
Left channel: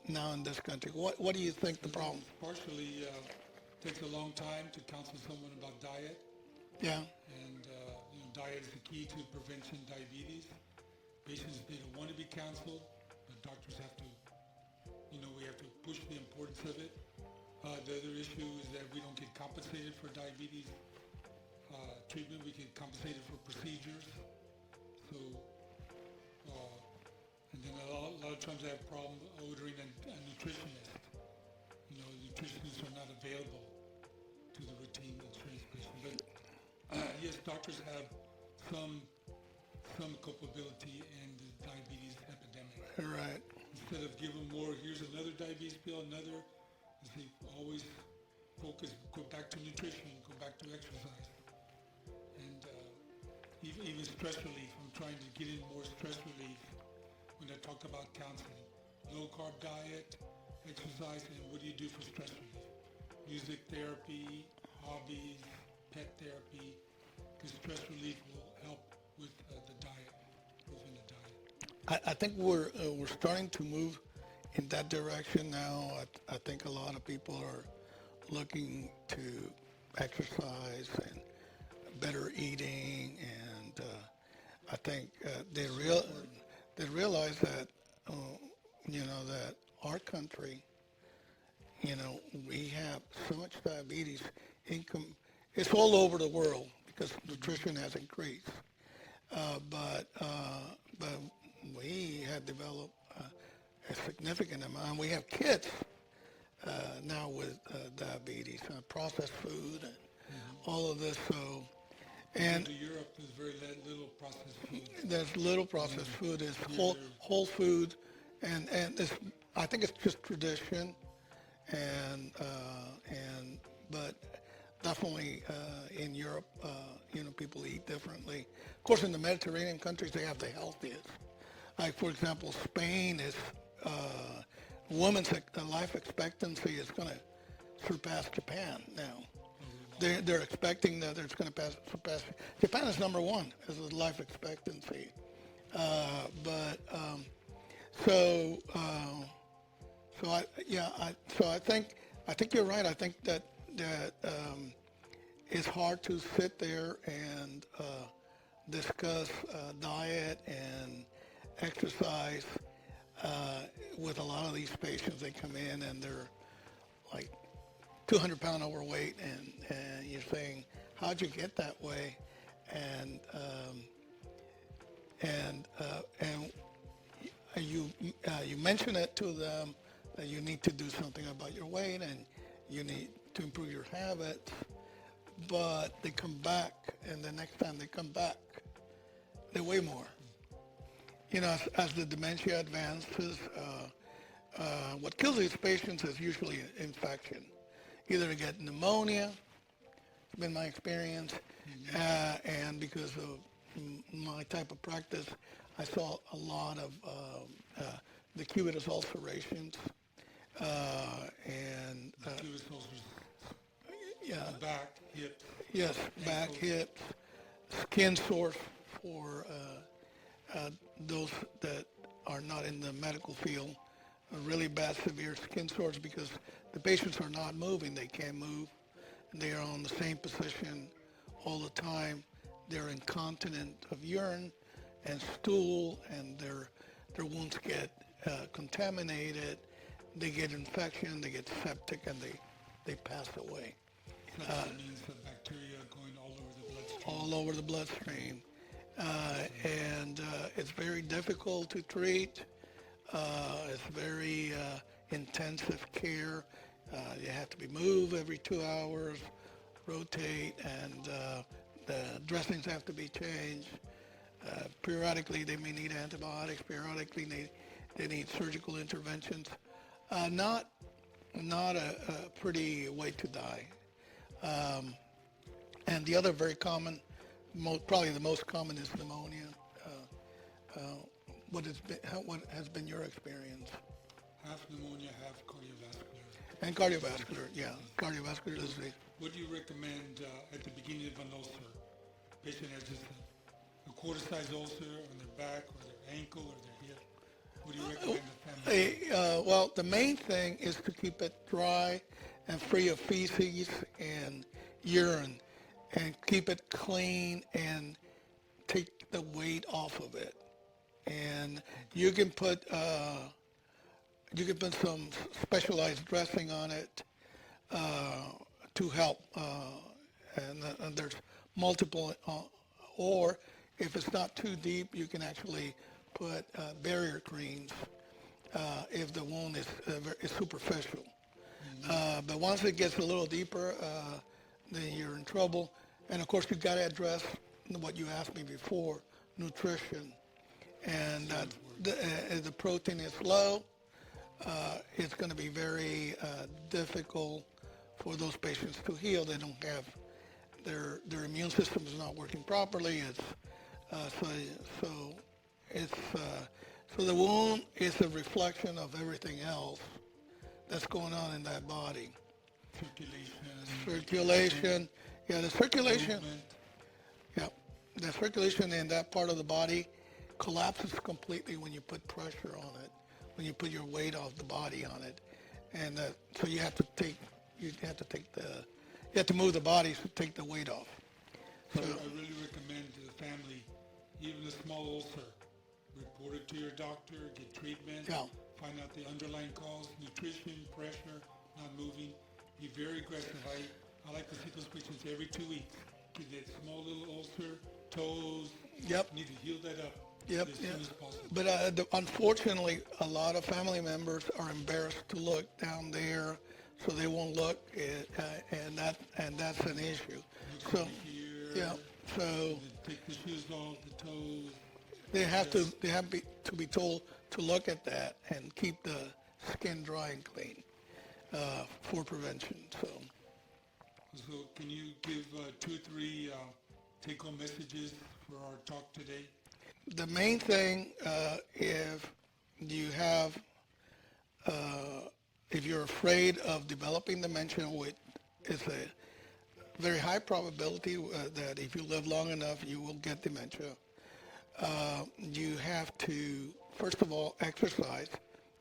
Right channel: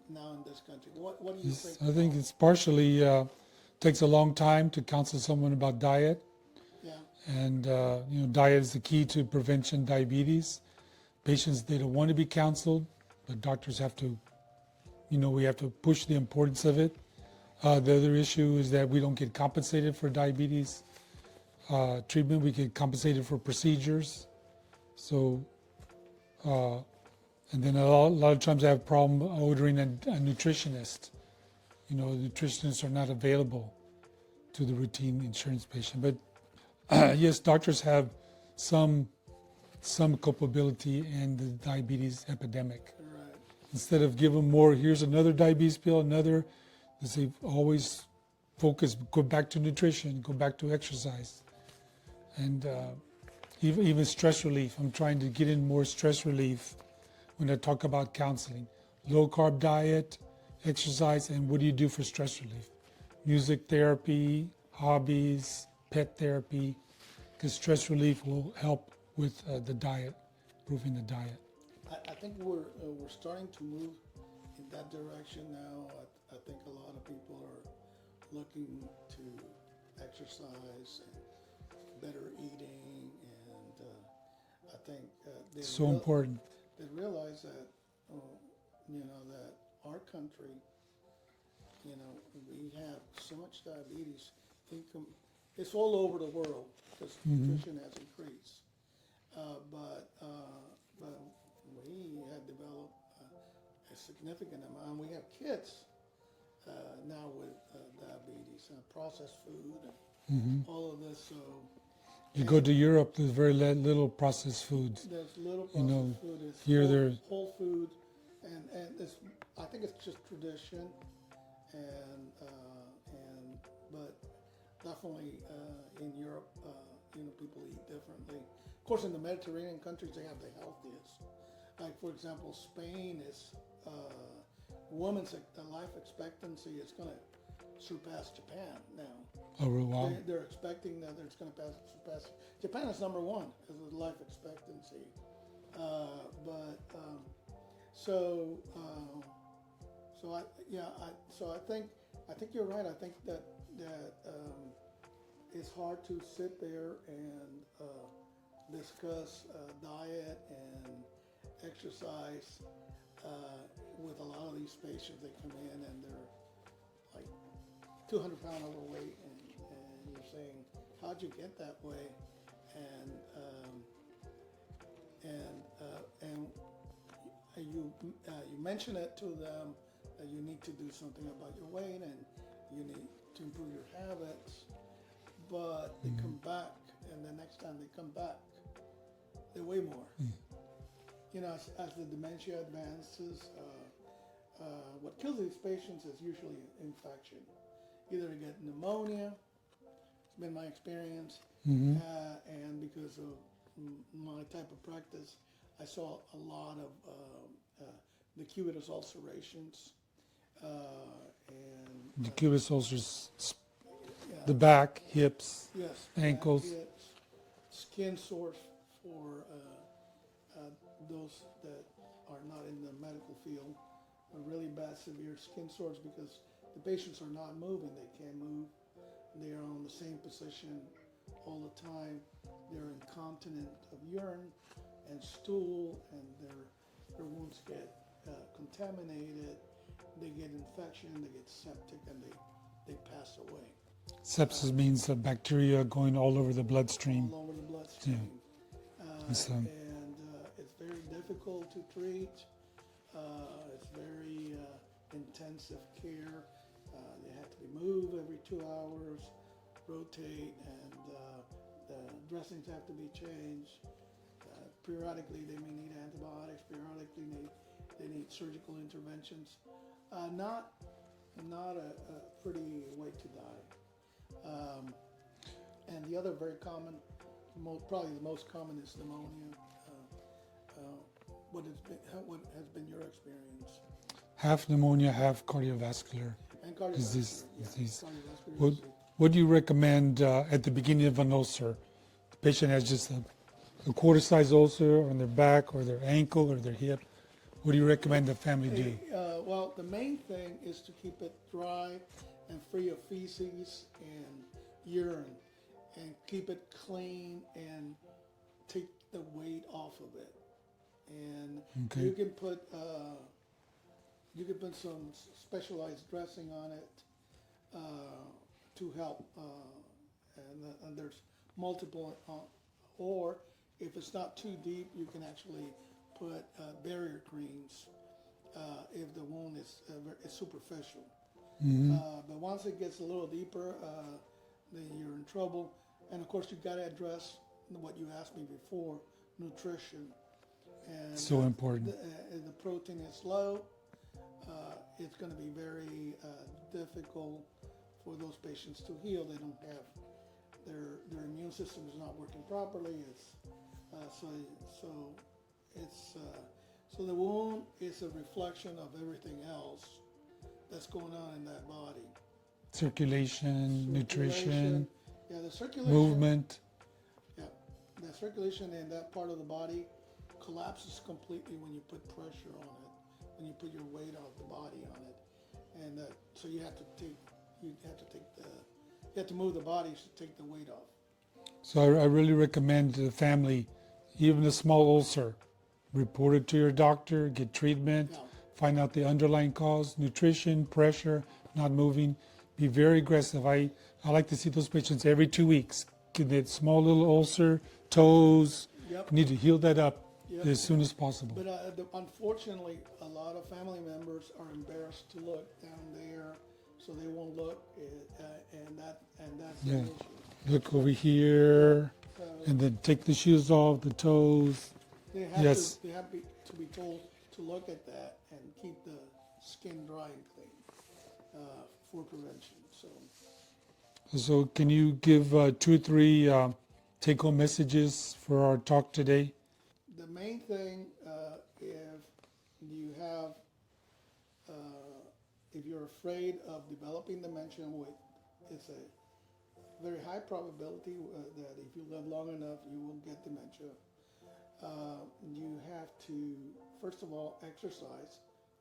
now in this country. What do you think the I think problem? it's partially takes a long time to counsel someone about diet, Yeah. and diet is the key to prevention diabetes. Patients, they don't want to be counseled, but doctors have to, we have to push the importance of it. The other issue is that we don't get compensated for diabetes treatment. We get compensated for procedures. So, and then a lot of times I have a problem ordering a nutritionist. Nutritionists are not available to the routine insurance patient. But yes, doctors have some culpability in the diabetes epidemic. Right. Instead of give them more, here's another diabetes pill, they say always focus, go back to nutrition, go back to exercise. And even stress relief, I'm trying to get in more stress relief when I talk about counseling. Low carb diet, exercise, and what do you do for stress relief? Music therapy, hobbies, pet therapy, because stress relief will help with the diet, improving the diet. I think we're starting to move in that direction now. I think a lot of people are looking to exercise and better eating, and I think So important. they realize that that our country, we have so much diabetes. Income, it's all over the world because nutrition has increased. But we have developed a significant amount. We have kids now with diabetes, processed food, and all of this. So, You go to Europe, there's very little processed foods. there's little processed food. It's Here whole food, and it's, I think it's just tradition, and but definitely in Europe, people eat differently. Of course, in the Mediterranean countries, they have the healthiest. Like, for example, Spain is, women's life expectancy is going to surpass Japan now. Oh, wow. They're expecting that it's going to surpass. Japan is number one as a life expectancy. So I think you're right. I think that it's hard to sit there and discuss diet and exercise with a lot of these patients. They come in and they're like 200-pound overweight, and you're saying, how'd you get that way? And you mention it to them that you need to do something about your weight and you need to improve your habits, but they come back, and the next time they come back, they weigh more. As the dementia advances, what kills these patients is usually infection. Either they get pneumonia, it's been my experience, and because of my type of practice, I saw a lot of decubitus ulcerations, and Decubitus ulcers, yeah, the back, hips, yes, ankles. back, hips, skin sores for those that are not in the medical field, really bad, severe skin sores because the patients are not moving. They can't move. And they are on the same position all the time. They're incontinent of urine and stool, and their wounds get contaminated. They get infection, they get septic, and they pass away. Sepsis means bacteria going all over the bloodstream. All over the bloodstream. And it's very difficult to treat. It's very intensive care. You have to be moved every 2 hours, rotate, and the dressings have to be changed. Periodically, they may need antibiotics. Periodically, They need surgical interventions. Not a pretty way to die. And the other very common, probably the most common, is pneumonia. What has been your experience? Half pneumonia, half cardiovascular And cardiovascular, disease. cardiovascular What, disease. what do you recommend at the beginning of an ulcer? The patient has just a quarter-size ulcer on their back or their ankle or their hip. What do you recommend the family do? Well, the main thing is to keep it dry and free of feces and urine, and keep it clean and take the weight off of it. And Okay. you can put some specialized dressing on it to help. And there's multiple, or if it's not too deep, you can actually put barrier creams if the wound is superficial. But once it gets a little deeper, then you're in trouble. And of course, you got to address what you asked me before, nutrition. And So important. the protein is low. It's going to be very difficult for those patients to heal. They don't have their immune system is not working properly. So the wound is a reflection of everything else that's going on in that body. Circulation, Circulation, nutrition, the circulation, movement. yeah, the circulation in that part of the body collapses completely when you put pressure on it, when you put your weight off the body on it, and so you have to move the body to take the weight off. So I really recommend to the family, even a small ulcer, report it to your doctor, get treatment, Yeah. find out the underlying cause, nutrition, pressure, not moving. Be very aggressive. I like to see those patients every 2 weeks. Get that small little ulcer, toes. Yep. Need to heal that up Yep, as soon as possible. But unfortunately, a lot of family members are embarrassed to look down there, so they won't look, and that's an issue. Look So, over here, So and then take the shoes off, the toes. they have Yes. to be told to look at that and keep the skin dry and clean for prevention. So can you give 2 or 3 take-home messages for our talk today? The main thing, if you're afraid of developing dementia, which is a very high probability that if you live long enough, you will get dementia, you have to, first of all, exercise.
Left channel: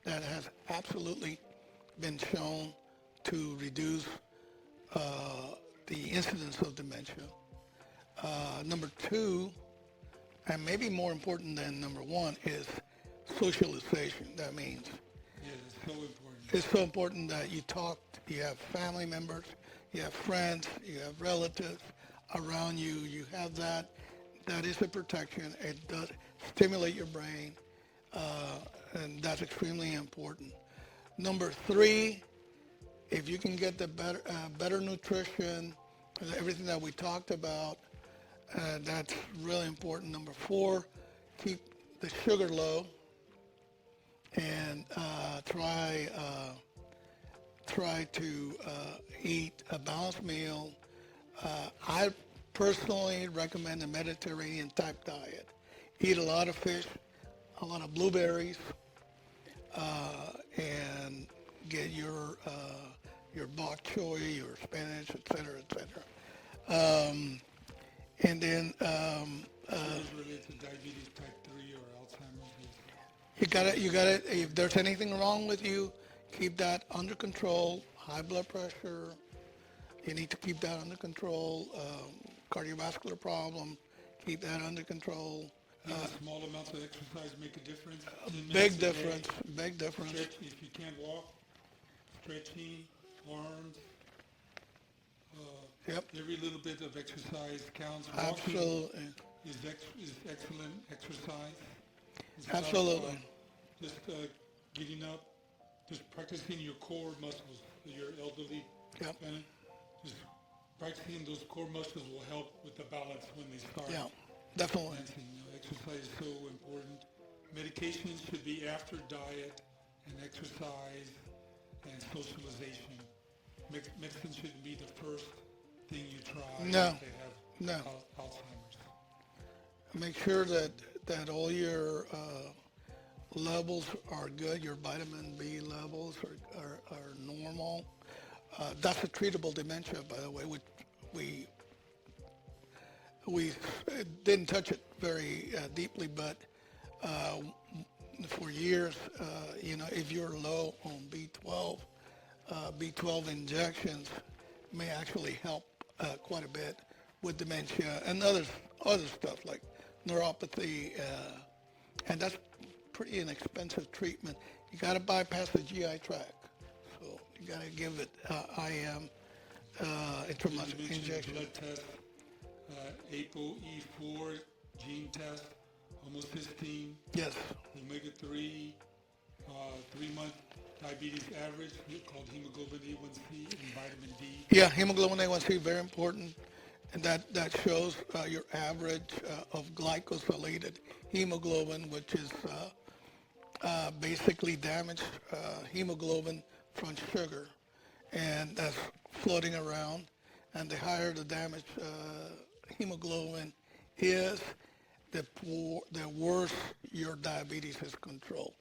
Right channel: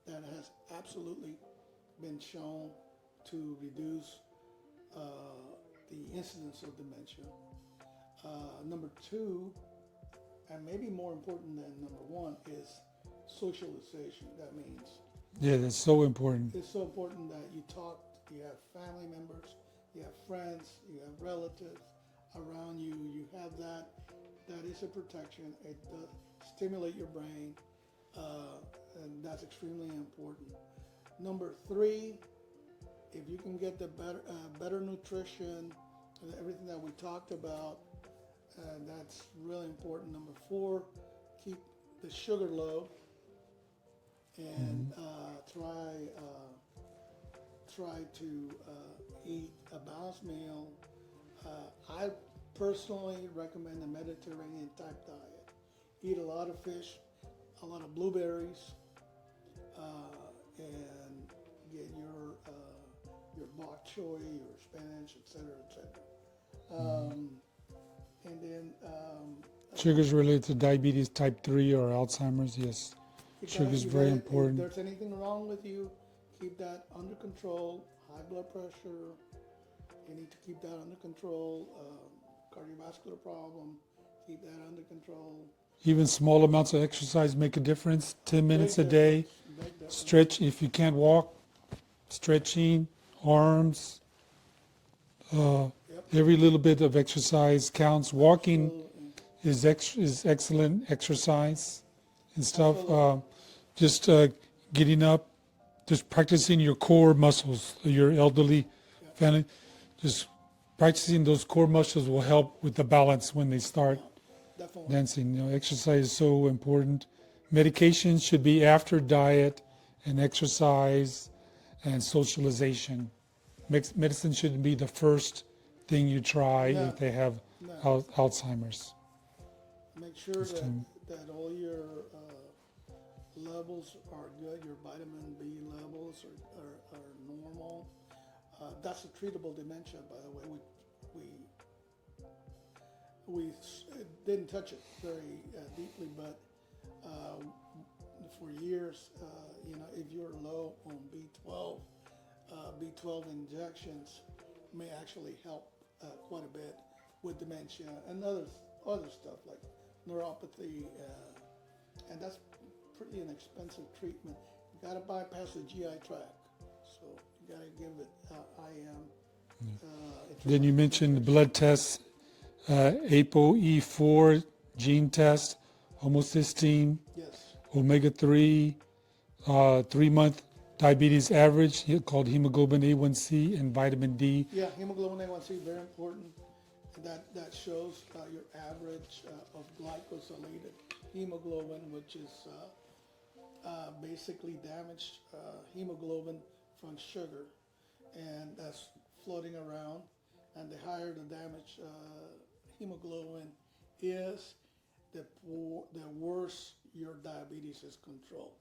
That has absolutely been shown to reduce the incidence of dementia. Number 2, and maybe more important than number 1, is socialization. That means Yeah, that's so important. it's so important that you talk, you have family members, you have friends, you have relatives around you. You have that. That is a protection. It does stimulate your brain, and that's extremely important. Number 3, if you can get the better nutrition, everything that we talked about, that's really important. Number 4, keep the sugar low, and try to eat a balanced meal. I personally recommend a Mediterranean type diet. Eat a lot of fish, a lot of blueberries, and get your bok choy, your spinach, etc. And then Sugars related to diabetes type 3 or Alzheimer's, yes. you gotta, Sugar's you very gotta. If important. there's anything wrong with you, keep that under control. High blood pressure, you need to keep that under control. Cardiovascular problem, keep that under control. Even small amounts of exercise make a difference. 10 minutes a day. Big difference. Stretch if you can't walk. Stretching, arms. Yep. Every little bit of exercise counts. Walking Absolutely. is excellent exercise and stuff. Absolutely. Just getting up, just practicing your core muscles. Your elderly Yep. family, just practicing those core muscles will help with the balance when they start Yeah, definitely. dancing. Exercise is so important. Medication should be after diet and exercise and socialization. Medicine shouldn't be the first thing you try No, if they have no. Alzheimer's. Make sure that all your levels are good, your vitamin B levels are normal. That's a treatable dementia, by the way. We didn't touch it very deeply, but for years, if you're low on B12, B12 injections may actually help quite a bit with dementia and other stuff like neuropathy, and that's pretty inexpensive treatment. You got to bypass the GI tract, so you got to give it IM. Then you mentioned the blood tests, ApoE4 gene test, homocysteine, Yes. omega-3, 3-month diabetes average called hemoglobin A1C, and vitamin D. Yeah, hemoglobin A1C, very important. And that shows your average of glycosylated hemoglobin, which is basically damaged hemoglobin from sugar. And that's floating around. And the higher the damaged hemoglobin is, the worse your diabetes is controlled.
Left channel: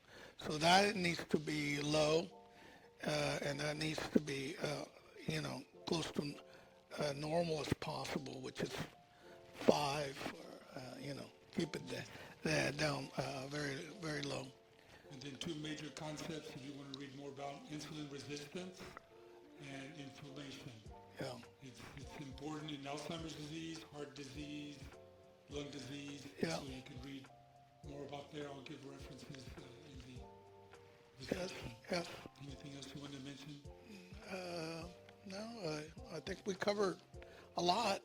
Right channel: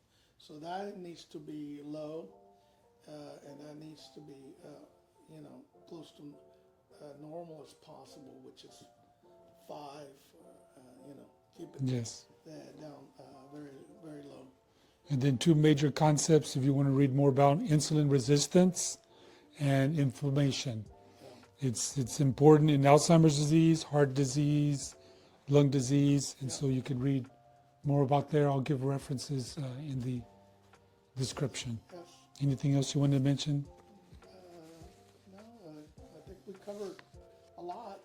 So that needs to be low, and that needs to be, close to normal as possible, which is 5, or, keep it Yes. down very, very low. And then 2 major concepts, if you want to read more about insulin resistance and inflammation. Yeah. It's important in Alzheimer's disease, heart disease, lung disease, and Yeah. so you can read more about there. I'll give references in the description. Yes. Anything else you want to mention? No, I think we covered a lot.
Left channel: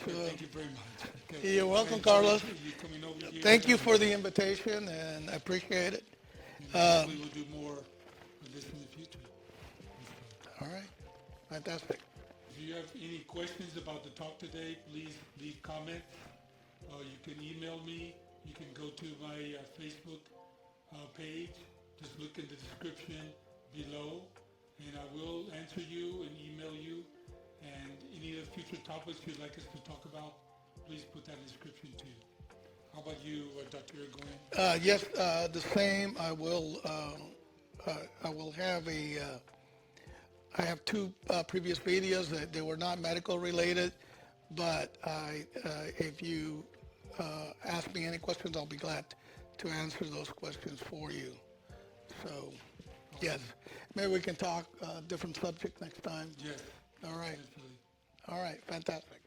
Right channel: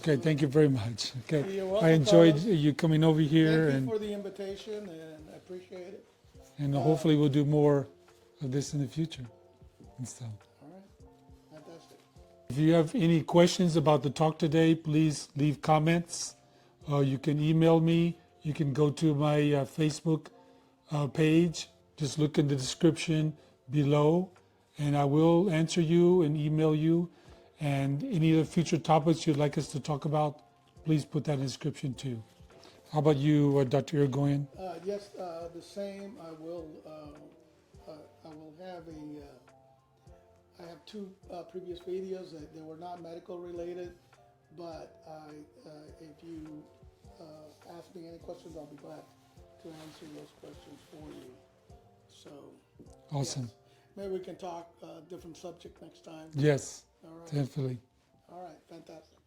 Okay, thank you very much. Okay, You're welcome, I enjoyed Carlos. you coming over here. Thank you and, for the invitation, and I appreciate it. and hopefully we'll do more of this in the future and stuff. All right. Fantastic. If you have any questions about the talk today, please leave comments. You can email me. You can go to my Facebook page. Just look in the description below, and I will answer you and email you. And any other future topics you'd like us to talk about, please put that in the description too. How about you, Dr. Yrigoyen? Yes, the same. I will have I have 2 previous videos that they were not medical related, but if you ask me any questions, I'll be glad to answer those questions for you. So, Awesome. yes, maybe we can talk different subject next time. Yes, All right. definitely. All right. Fantastic.